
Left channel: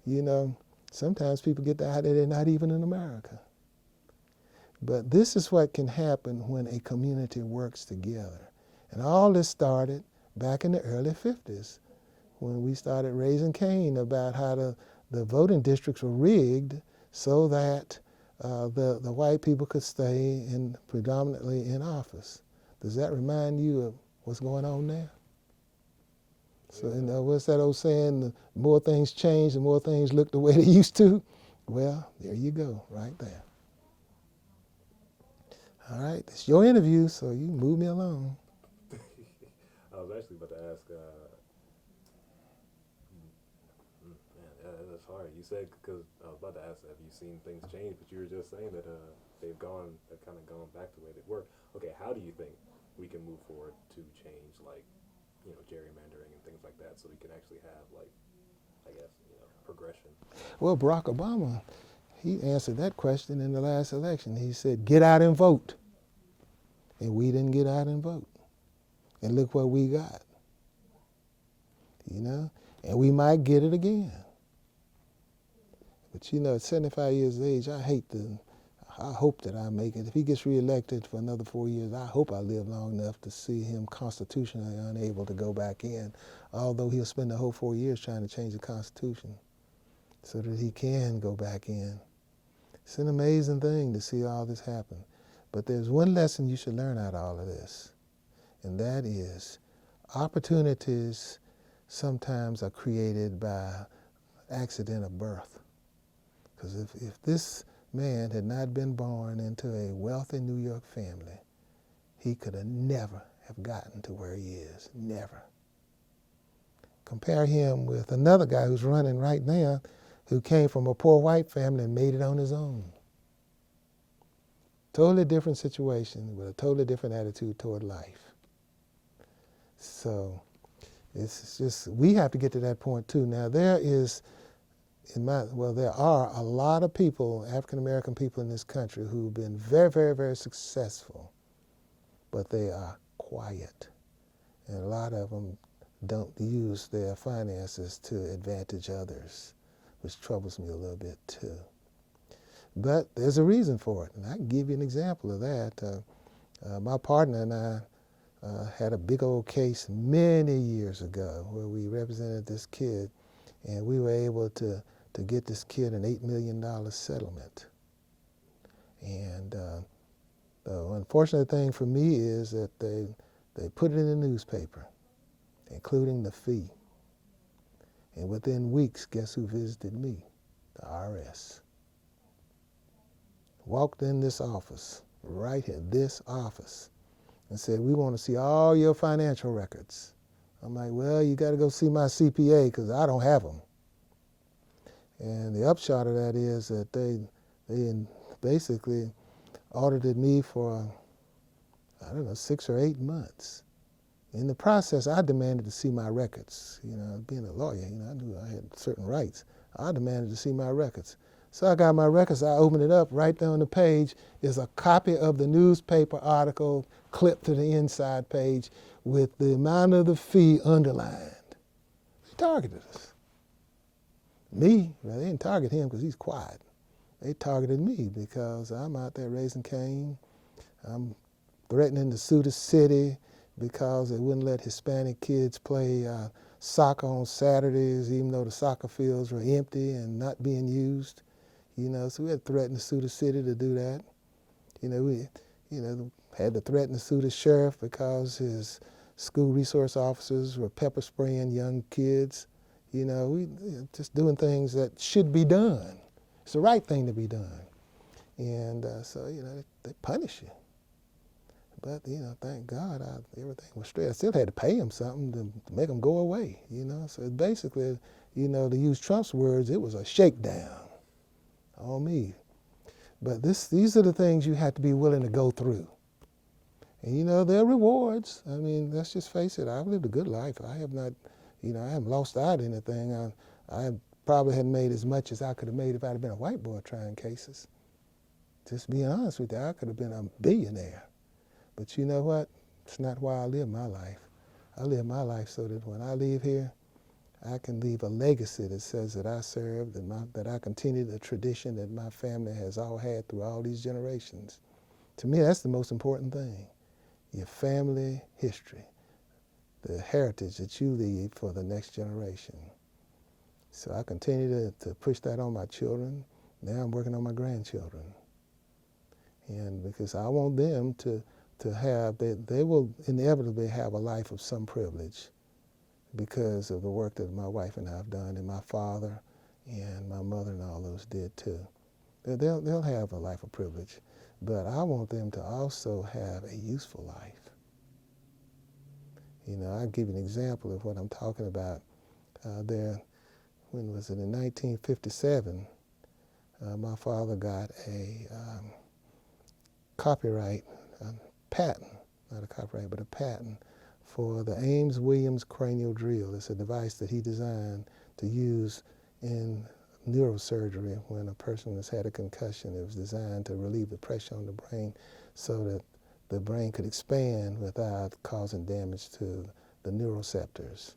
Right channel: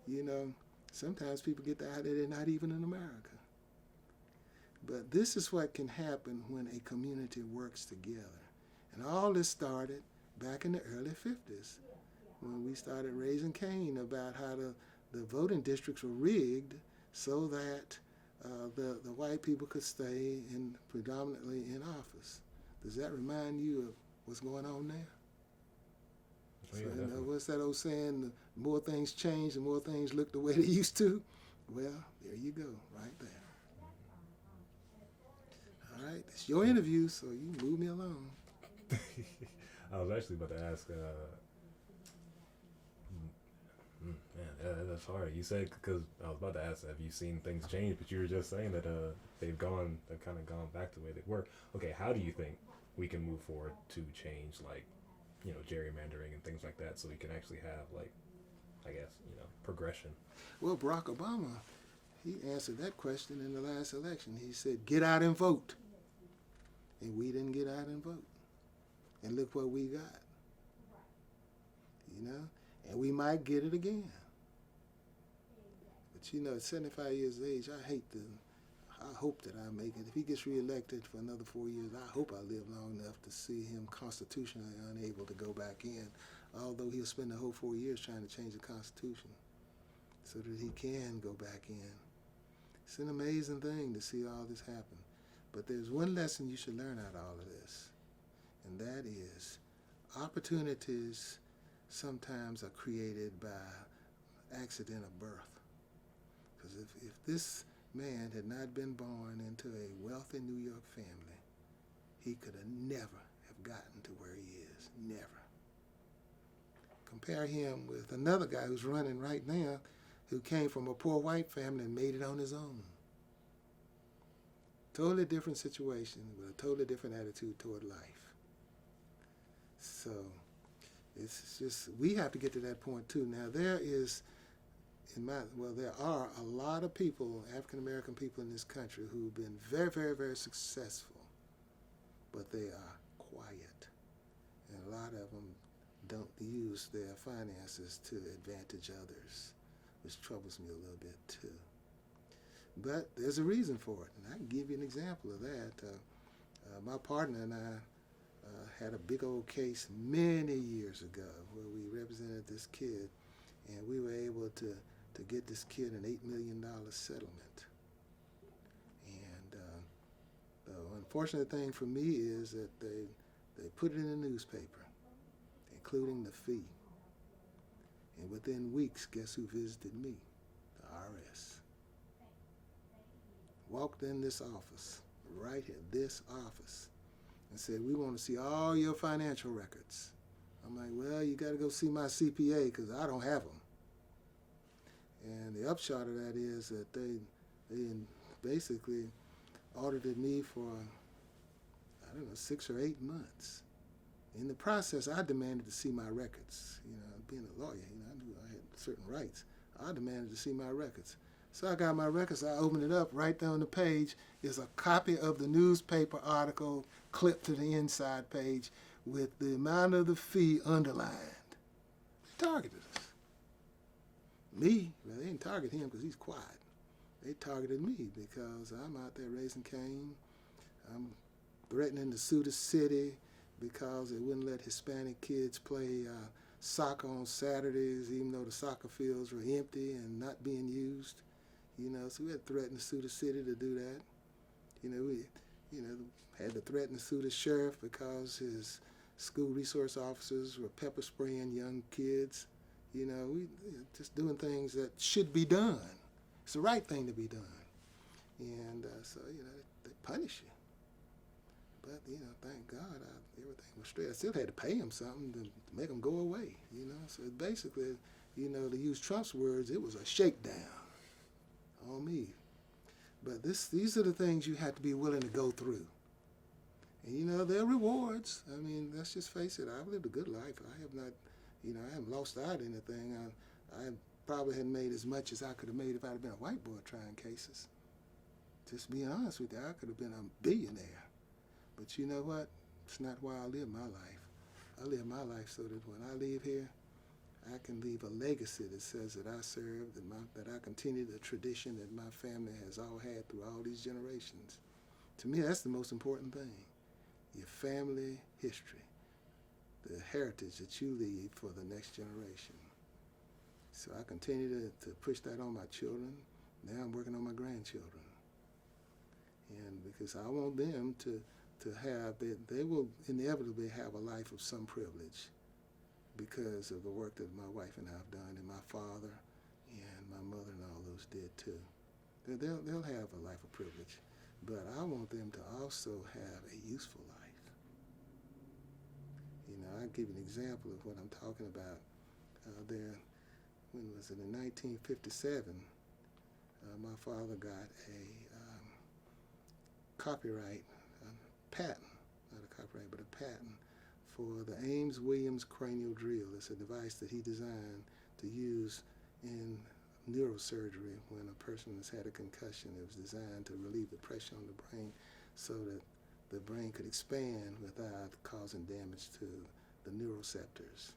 You know, sometimes people get the idea they're not even in America. But this is what can happen when a community works together. And all this started back in the early 50s when we started raising Cain about how the voting districts were rigged so that the white people could stay predominantly in office. Does that remind you of what's going on now? So, you know, what's that old saying? The more things change, the more things look the way they used to. Well, there you go, right there. All right, it's your interview, so you move me along. I was actually about to ask, man, that's hard. You said, because I was about to ask, have you seen things change? But you were just saying that they've kind of gone back to the way they were. Okay, how do you think we can move forward to change, like, you know, gerrymandering and things like that, so we can actually have, like, I guess, you know, progression? Well, Barack Obama, he answered that question in the last election. He said, "Get out and vote." And we didn't get out and vote. And look what we got. You know? And we might get it again. But you know, at 75 years of age, I hope that I make it. If he gets reelected for another 4 years, I hope I live long enough to see him constitutionally unable to go back in, although he'll spend the whole 4 years trying to change the Constitution so that he can go back in. It's an amazing thing to see all this happen. But there's one lesson you should learn out of all of this, and that is opportunities sometimes are created by accident of birth. Because if this man had not been born into a wealthy New York family, he could have never have gotten to where he is, never. Compare him with another guy who's running right now who came from a poor white family and made it on his own. Totally different situation with a totally different attitude toward life. So it's just, we have to get to that point too. Now there are a lot of people, African American people in this country who've been very, very, very successful, but they are quiet. And a lot of them don't use their finances to advantage others, which troubles me a little bit too. But there's a reason for it, and I can give you an example of that. My partner and I had a big old case many years ago where we represented this kid, and we were able to get this kid an $8 million settlement. And the unfortunate thing for me is that they put it in the newspaper, including the fee. And within weeks, guess who visited me? The IRS. Walked in this office, right here, this office, and said, "We want to see all your financial records." I'm like, "Well, you got to go see my CPA because I don't have them." And the upshot of that is that they basically audited me for, I don't know, 6 or 8 months. In the process, I demanded to see my records. You know, being a lawyer, you know, I knew I had certain rights. I demanded to see my records. So I got my records, I opened it up, right there on the page is a copy of the newspaper article clipped to the inside page with the amount of the fee underlined. They targeted us. Me, well, they didn't target him because he's quiet. They targeted me because I'm out there raising Cain. I'm threatening to sue the city because they wouldn't let Hispanic kids play soccer on Saturdays, even though the soccer fields were empty and not being used. You know, so we had threatened to sue the city to do that. You know, we, had to threaten to sue the sheriff because his school resource officers were pepper spraying young kids. You know, we just doing things that should be done. It's the right thing to be done. And so, you know, they punish you. But, you know, thank God everything was straight. I still had to pay them something to make them go away, you know. So basically, you know, to use Trump's words, it was a shakedown on me. But these are the things you have to be willing to go through. And, you know, there are rewards. I mean, let's just face it. I've lived a good life. I have not, you know, I haven't lost out anything. I probably hadn't made as much as I could have made if I'd have been a white boy trying cases. Just being honest with you, I could have been a billionaire. But you know what? It's not why I live my life. I live my life so that when I leave here, I can leave a legacy that says that I served, that I continue the tradition that my family has all had through all these generations. To me, that's the most important thing. Your family history, the heritage that you leave for the next generation. So I continue to push that on my children. Now I'm working on my grandchildren. And because I want them to have, they will inevitably have a life of some privilege because of the work that my wife and I have done, and my father and my mother and all those did too. They'll have a life of privilege, but I want them to also have a useful life. You know, I'll give you an example of what I'm talking about. When was it, in 1957, my father got a copyright patent, not a copyright, but a patent for the Ames-Williams cranial drill. It's a device that he designed to use in neurosurgery when a person has had a concussion. It was designed to relieve the pressure on the brain so that the brain could expand without causing damage to the neuroceptors.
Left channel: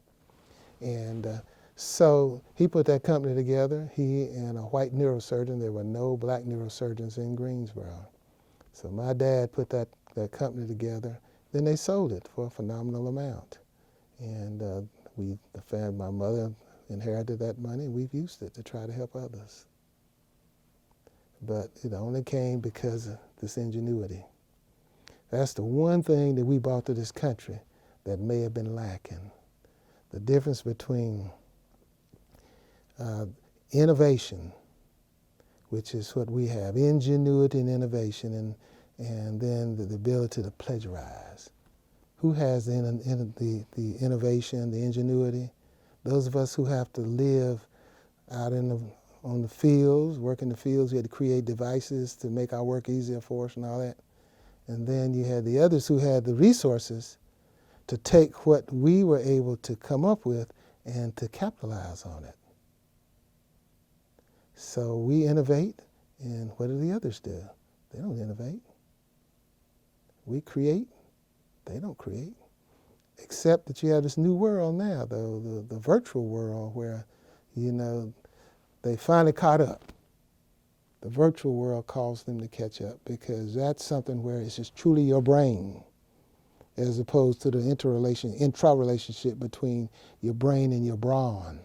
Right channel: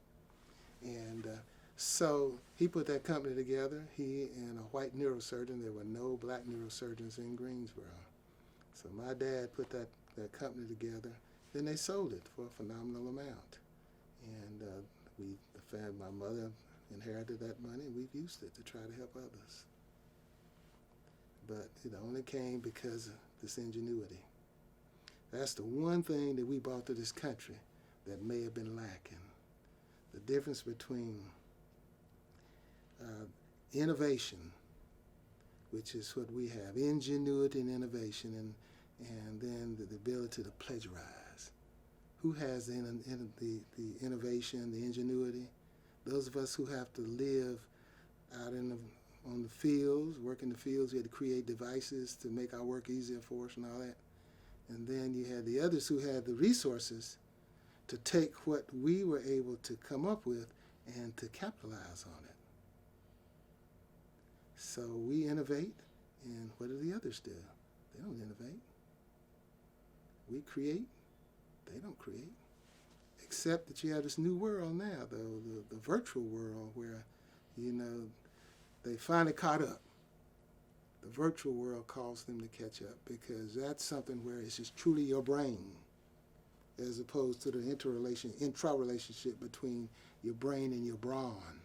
And so he put that company together, he and a white neurosurgeon. There were no black neurosurgeons in Greensboro. So my dad put that company together. Then they sold it for a phenomenal amount. And my mother inherited that money, and we've used it to try to help others. But it only came because of this ingenuity. That's the one thing that we brought to this country that may have been lacking. The difference between innovation, which is what we have, ingenuity and innovation, and then the ability to plagiarize. Who has the innovation, the ingenuity? Those of us who have to live out on the fields, work in the fields. We had to create devices to make our work easier for us and all that. And then you had the others who had the resources to take what we were able to come up with and to capitalize on it. So we innovate, and what do the others do? They don't innovate. We create, they don't create. Except that you have this new world now, the virtual world, where, you know, they finally caught up. The virtual world caused them to catch up because that's something where it's just truly your brain, as opposed to the intra-relationship between your brain and your brawn.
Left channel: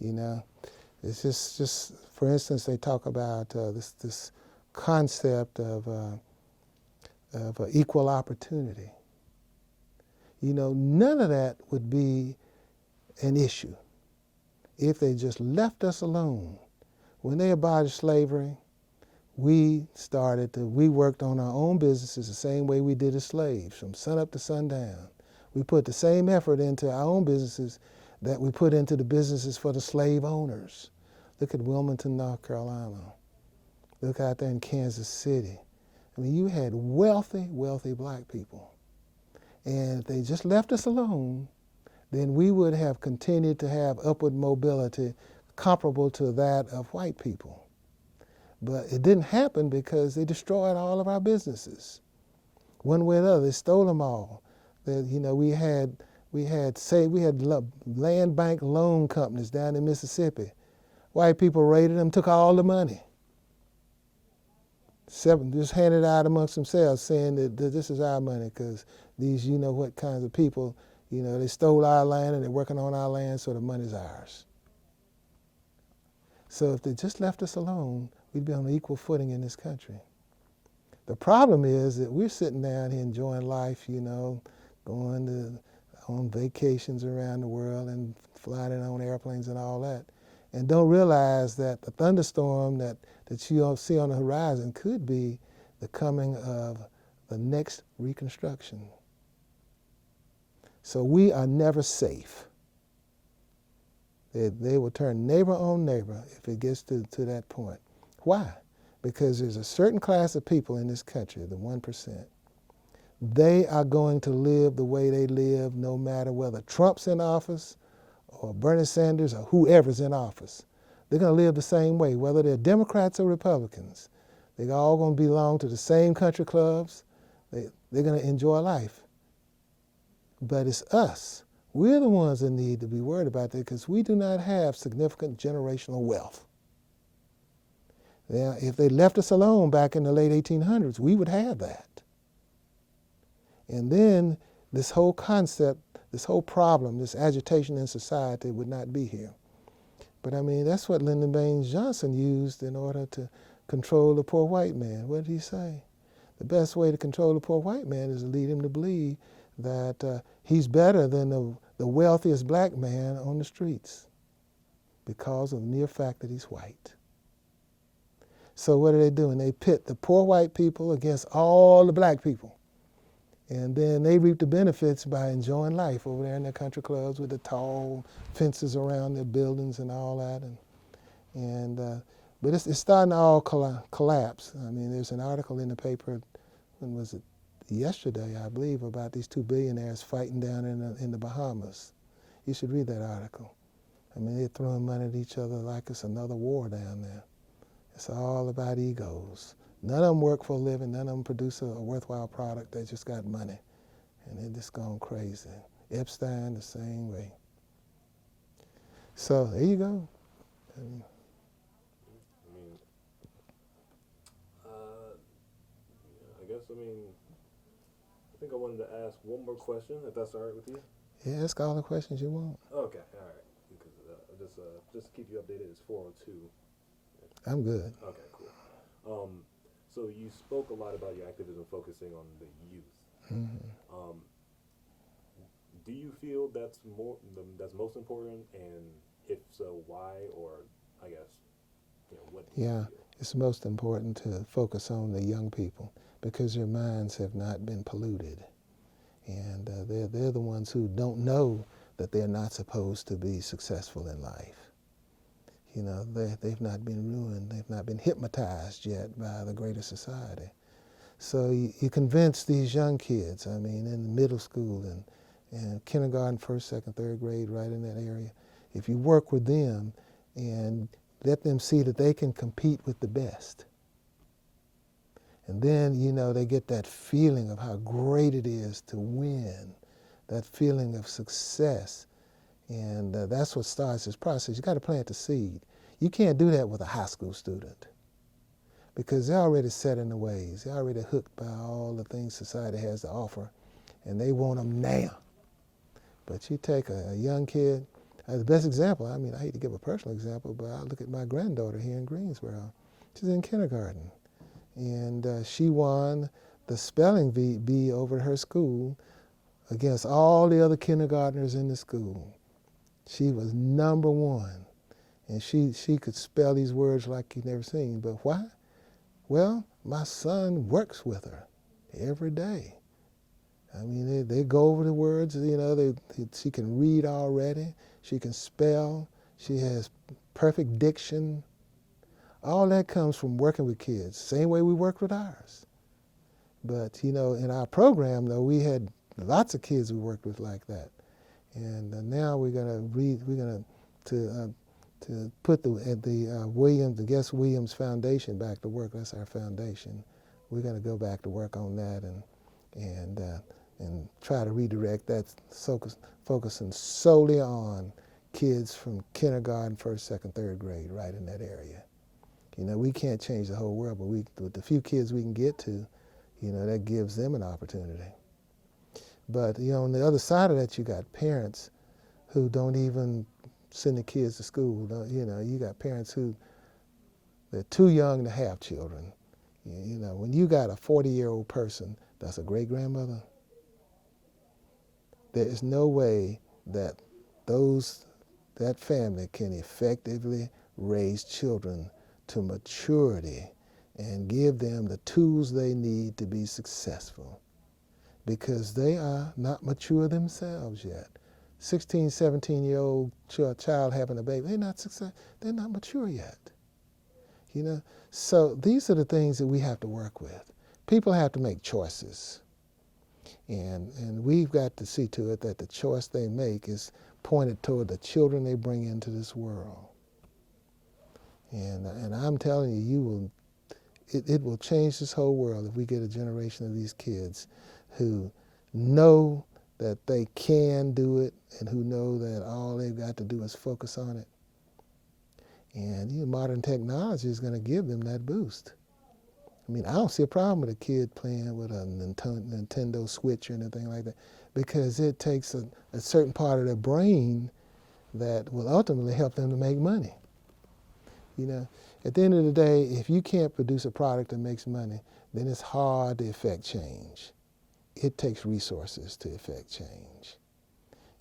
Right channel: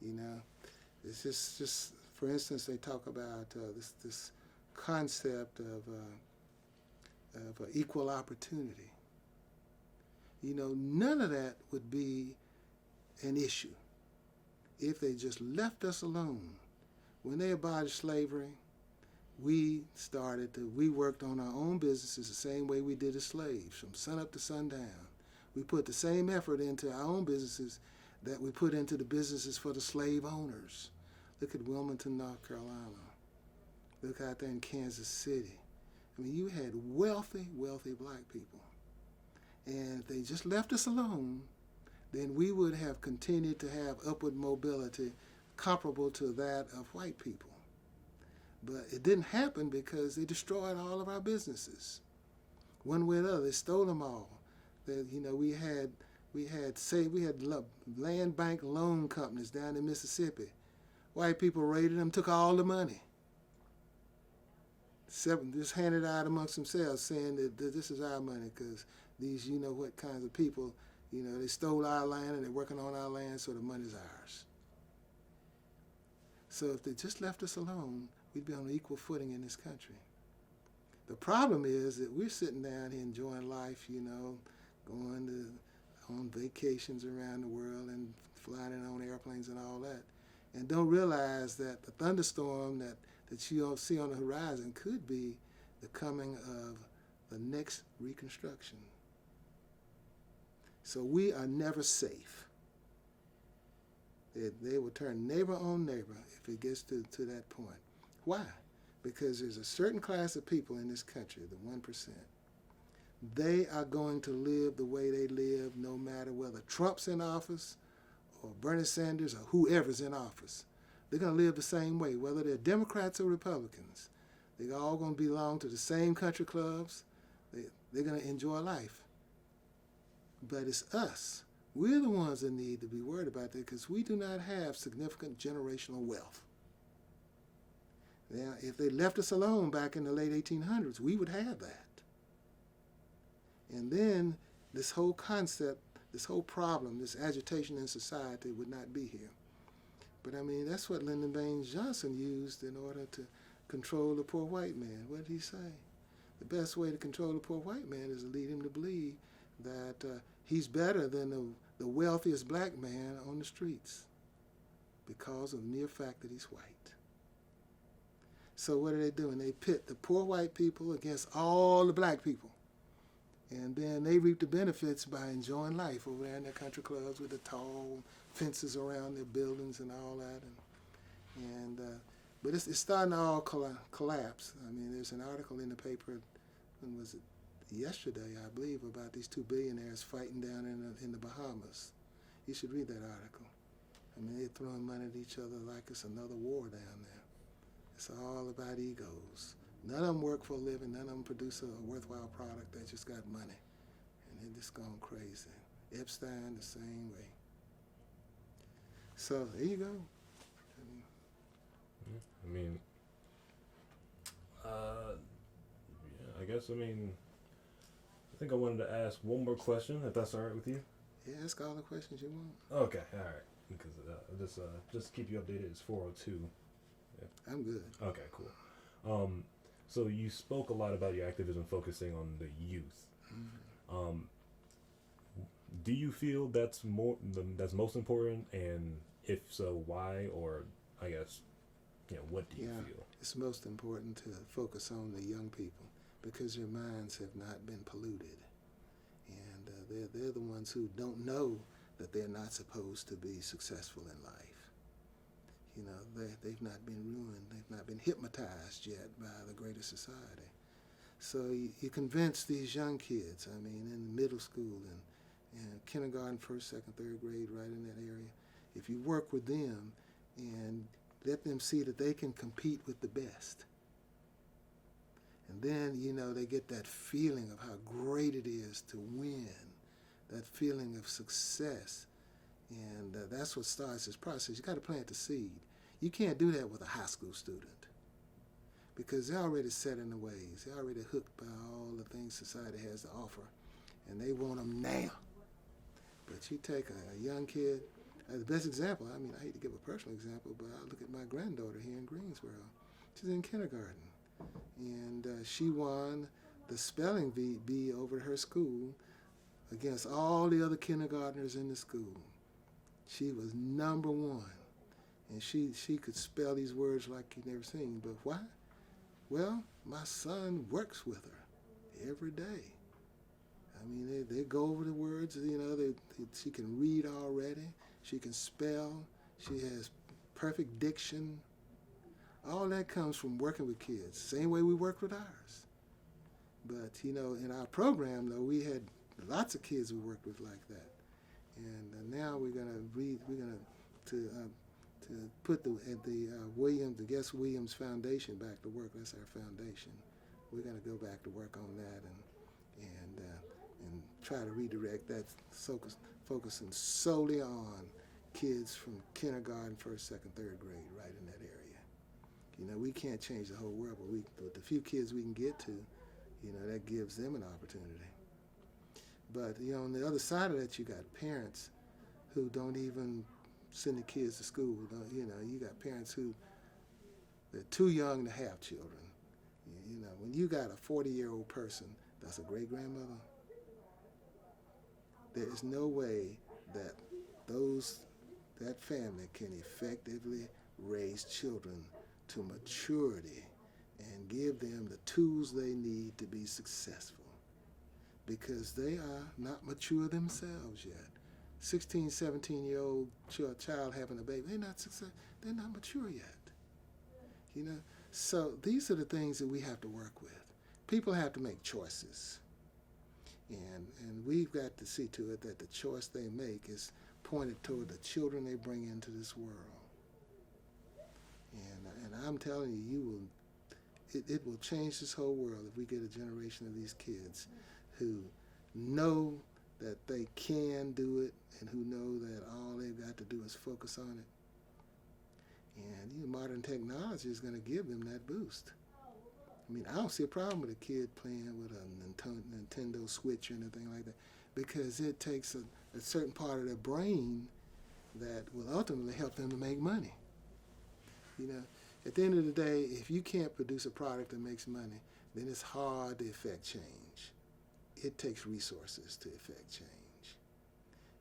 You know, it's just for instance, they talk about this concept of equal opportunity. You know, none of that would be an issue if they just left us alone. When they abolished slavery, we worked on our own businesses the same way we did as slaves, from sun up to sundown. We put the same effort into our own businesses that we put into the businesses for the slave owners. Look at Wilmington, North Carolina. Look out there in Kansas City. I mean, you had wealthy, wealthy black people. And if they just left us alone, then we would have continued to have upward mobility comparable to that of white people. But it didn't happen because they destroyed all of our businesses. One way or another, they stole them all. We had land bank loan companies down in Mississippi. White people raided them, took all the money. Just handed it out amongst themselves, saying that this is our money because these, what kinds of people, they stole our land and they're working on our land, so the money's ours. So if they just left us alone, we'd be on an equal footing in this country. The problem is that we're sitting down here enjoying life, going on vacations around the world and flying in on airplanes and all that, and don't realize that the thunderstorm that you see on the horizon could be the coming of the next Reconstruction. So we are never safe. They will turn neighbor on neighbor if it gets to that point. Why? Because there's a certain class of people in this country, the 1%. They are going to live the way they live no matter whether Trump's in office or Bernie Sanders or whoever's in office. They're going to live the same way, whether they're Democrats or Republicans. They're all going to belong to the same country clubs. They're going to enjoy life. But it's us. We're the ones that need to be worried about that because we do not have significant generational wealth. Now, if they left us alone back in the late 1800s, we would have that. And then this whole concept, this whole problem, this agitation in society would not be here. But I mean, that's what Lyndon Baines Johnson used in order to control the poor white man. What did he say? The best way to control the poor white man is to lead him to believe that he's better than the wealthiest black man on the streets because of the mere fact that he's white. So what are they doing? They pit the poor white people against all the black people. And then they reap the benefits by enjoying life over there in their country clubs with the tall fences around their buildings and all that. But it's starting to all collapse. I mean, there's an article in the paper, when was it? Yesterday, I believe, about these two billionaires fighting down in the Bahamas. You should read that article. I mean, they're throwing money at each other like it's another war down there. It's all about egos. None of them work for a living. None of them produce a worthwhile product. They just got money. And they're just gone crazy. Epstein, the same way. So there you go. I think I wanted to ask one more question, if that's all right with you. Yeah, ask all the questions you want. Okay, all right. Because just keep you updated. It's 4:02. I'm good. Okay, cool. So you spoke a lot about your activism focusing on the youth. Mm-hmm. Do you feel that's most important, and if so, why? Or I guess, what do you feel? It's most important to focus on the young people because their minds have not been polluted, and they're the ones who don't know that they're not supposed to be successful in life. They've not been ruined. They've not been hypnotized yet by the greater society. So you convince these young kids, I mean, in middle school and kindergarten, first, second, third grade, right in that area, if you work with them and let them see that they can compete with the best. And then, they get that feeling of how great it is to win, that feeling of success. And that's what starts this process. You got to plant the seed. You can't do that with a high school student because they're already set in the ways. They're already hooked by all the things society has to offer, and they want them now. But you take a young kid, the best example, I mean, I hate to give a personal example, but I look at my granddaughter here in Greensboro. She's in kindergarten, and she won the spelling bee over at her school against all the other kindergartners in the school. She was number one, and she could spell these words like you've never seen. But why? Well, my son works with her every day. I mean, they go over the words, she can read already, she can spell, she has perfect diction. All that comes from working with kids, same way we worked with ours. But, you know, in our program, though, we had lots of kids we worked with like that. And now we're going to put the Guest Williams Foundation back to work. That's our foundation. We're going to go back to work on that and try to redirect that, focusing solely on kids from kindergarten, first, second, third grade, right in that area. You know, we can't change the whole world, but with the few kids we can get to, you know, that gives them an opportunity. But, you know, on the other side of that, you got parents who don't even send the kids to school. You know, you got parents who, they're too young to have children. You know, when you got a 40-year-old person that's a great-grandmother, there is no way that that family can effectively raise children to maturity and give them the tools they need to be successful, because they are not mature themselves yet. 16, 17-year-old child having a baby, they're not mature yet. You know, so these are the things that we have to work with. People have to make choices, and we've got to see to it that the choice they make is pointed toward the children they bring into this world. And I'm telling you, it will change this whole world if we get a generation of these kids who know that they can do it and who know that all they've got to do is focus on it. And you know, modern technology is going to give them that boost. I mean, I don't see a problem with a kid playing with a Nintendo Switch or anything like that, because it takes a certain part of their brain that will ultimately help them to make money. You know, at the end of the day, if you can't produce a product that makes money, then it's hard to effect change. It takes resources to effect change.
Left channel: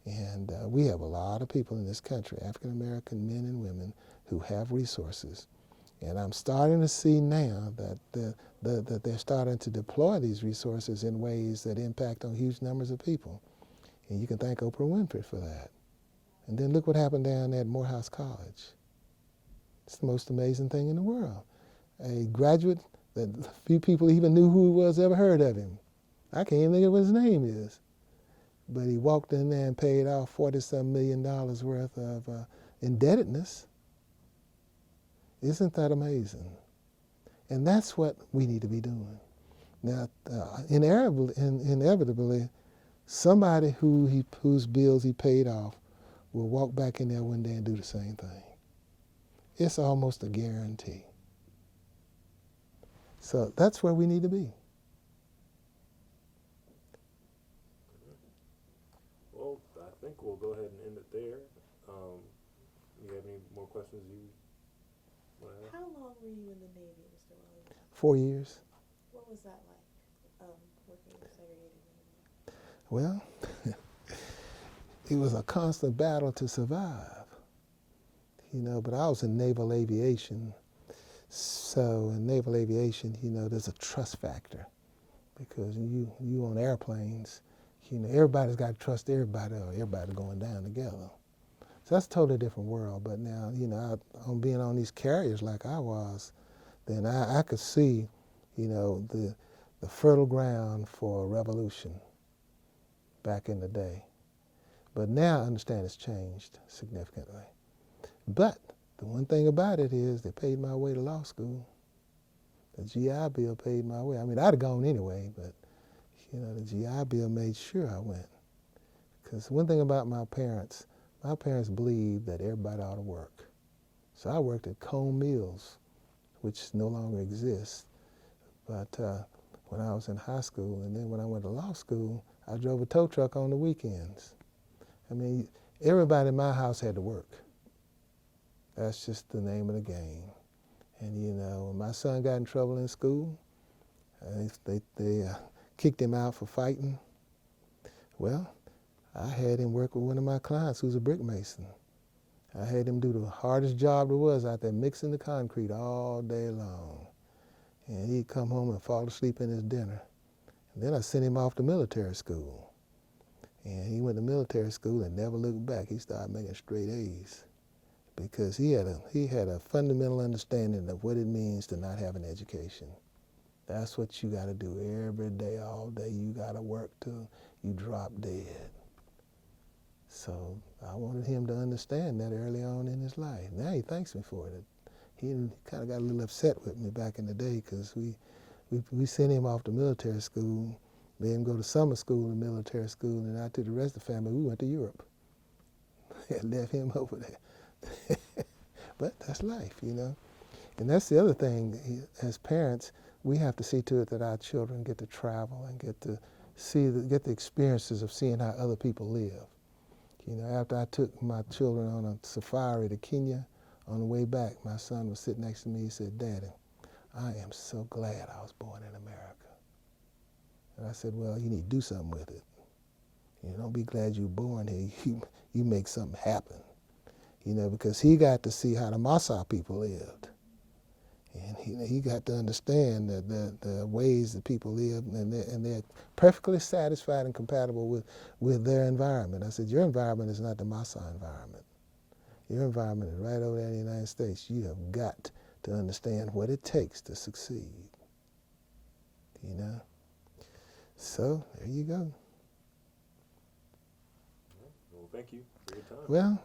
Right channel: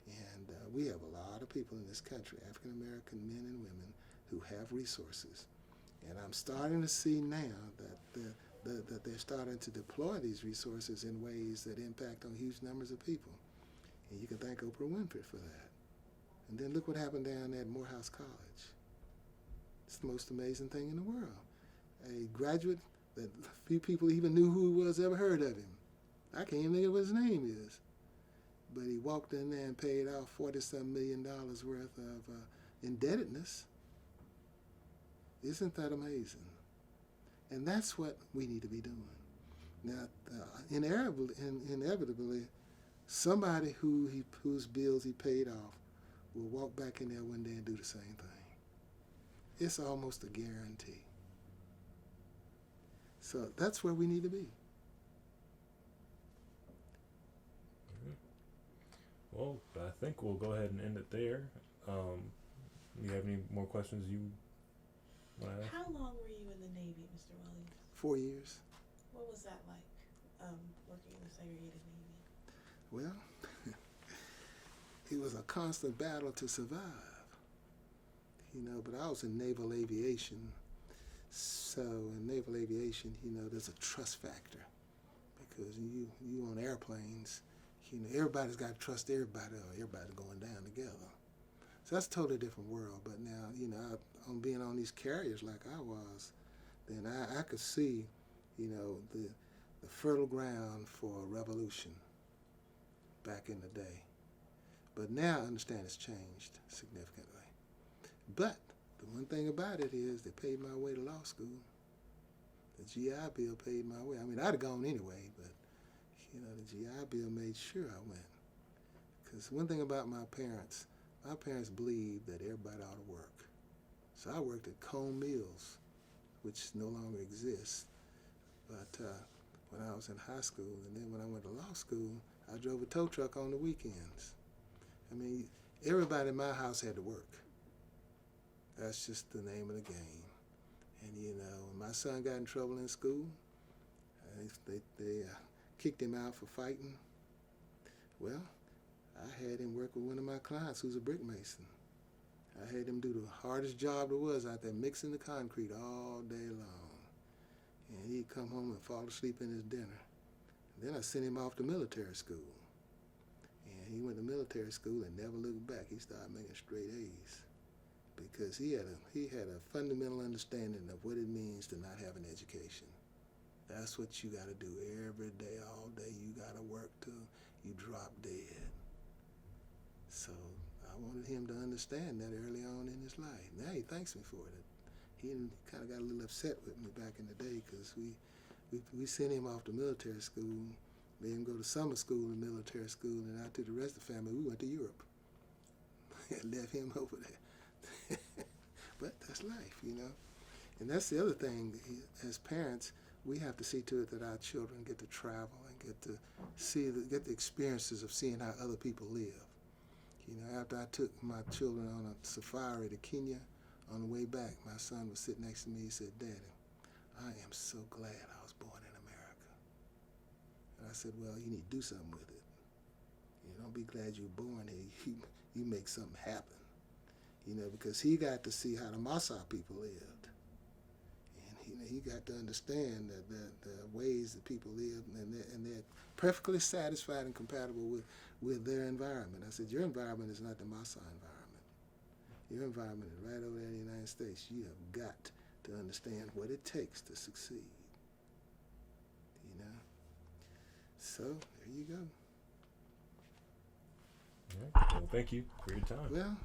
And we have a lot of people in this country, African American men and women, who have resources. And I'm starting to see now that that they're starting to deploy these resources in ways that impact on huge numbers of people. And you can thank Oprah Winfrey for that. And then look what happened down at Morehouse College. It's the most amazing thing in the world. A graduate that few people even knew who he was, ever heard of him. I can't even think of what his name is. But he walked in there and paid off $40-some million worth of indebtedness. Isn't that amazing? And that's what we need to be doing. Now, inevitably, somebody whose bills he paid off will walk back in there one day and do the same thing. It's almost a guarantee. So that's where we need to be. Well, I think we'll go ahead and end it there. You have any more questions you want to ask? How long were you in the Navy, Mr. Williams? 4 years. What was that like, working in the segregated Navy? Well, it was a constant battle to survive, you know, but I was in naval aviation. So in naval aviation, you know, there's a trust factor, because you on airplanes, you know, everybody's got to trust everybody, or everybody going down together. So that's a totally different world. But now, you know, on being on these carriers like I was, then I could see, you know, the fertile ground for a revolution back in the day. But now I understand it's changed significantly. But the one thing about it is they paid my way to law school. The GI Bill paid my way. I mean, I'd have gone anyway, but, you know, the GI Bill made sure I went. Because one thing about my parents believed that everybody ought to work. So I worked at Cone Mills, which no longer exists. But when I was in high school, and then when I went to law school, I drove a tow truck on the weekends. I mean, everybody in my house had to work. That's just the name of the game. And, you know, when my son got in trouble in school, they kicked him out for fighting. Well, I had him work with one of my clients who's a brick mason. I had him do the hardest job there was out there, mixing the concrete all day long. And he'd come home and fall asleep in his dinner. And then I sent him off to military school. And he went to military school and never looked back. He started making straight A's. because he had a fundamental understanding of what it means to not have an education. That's what you got to do every day, all day. You got to work till you drop dead. So I wanted him to understand that early on in his life. Now he thanks me for it. He kind of got a little upset with me back in the day because we sent him off to military school, made him go to summer school and military school, and I took the rest of the family, we went to Europe. And left him over there. But that's life, you know. And that's the other thing, as parents, we have to see to it that our children get to travel and get to get the experiences of seeing how other people live. You know, after I took my children on a safari to Kenya, on the way back, my son was sitting next to me. He said, "Daddy, I am so glad I was born in America." And I said, "Well, you need to do something with it. You know, don't be glad you were born here. You make something happen." You know, because he got to see how the Maasai people lived. And he got to understand the ways that people live, and they're perfectly satisfied and compatible with their environment. I said, your environment is not the Maasai environment. Your environment is right over there in the United States. You have got to understand what it takes to succeed. You know? So, there you go. All right. Well, thank you for your time. Well,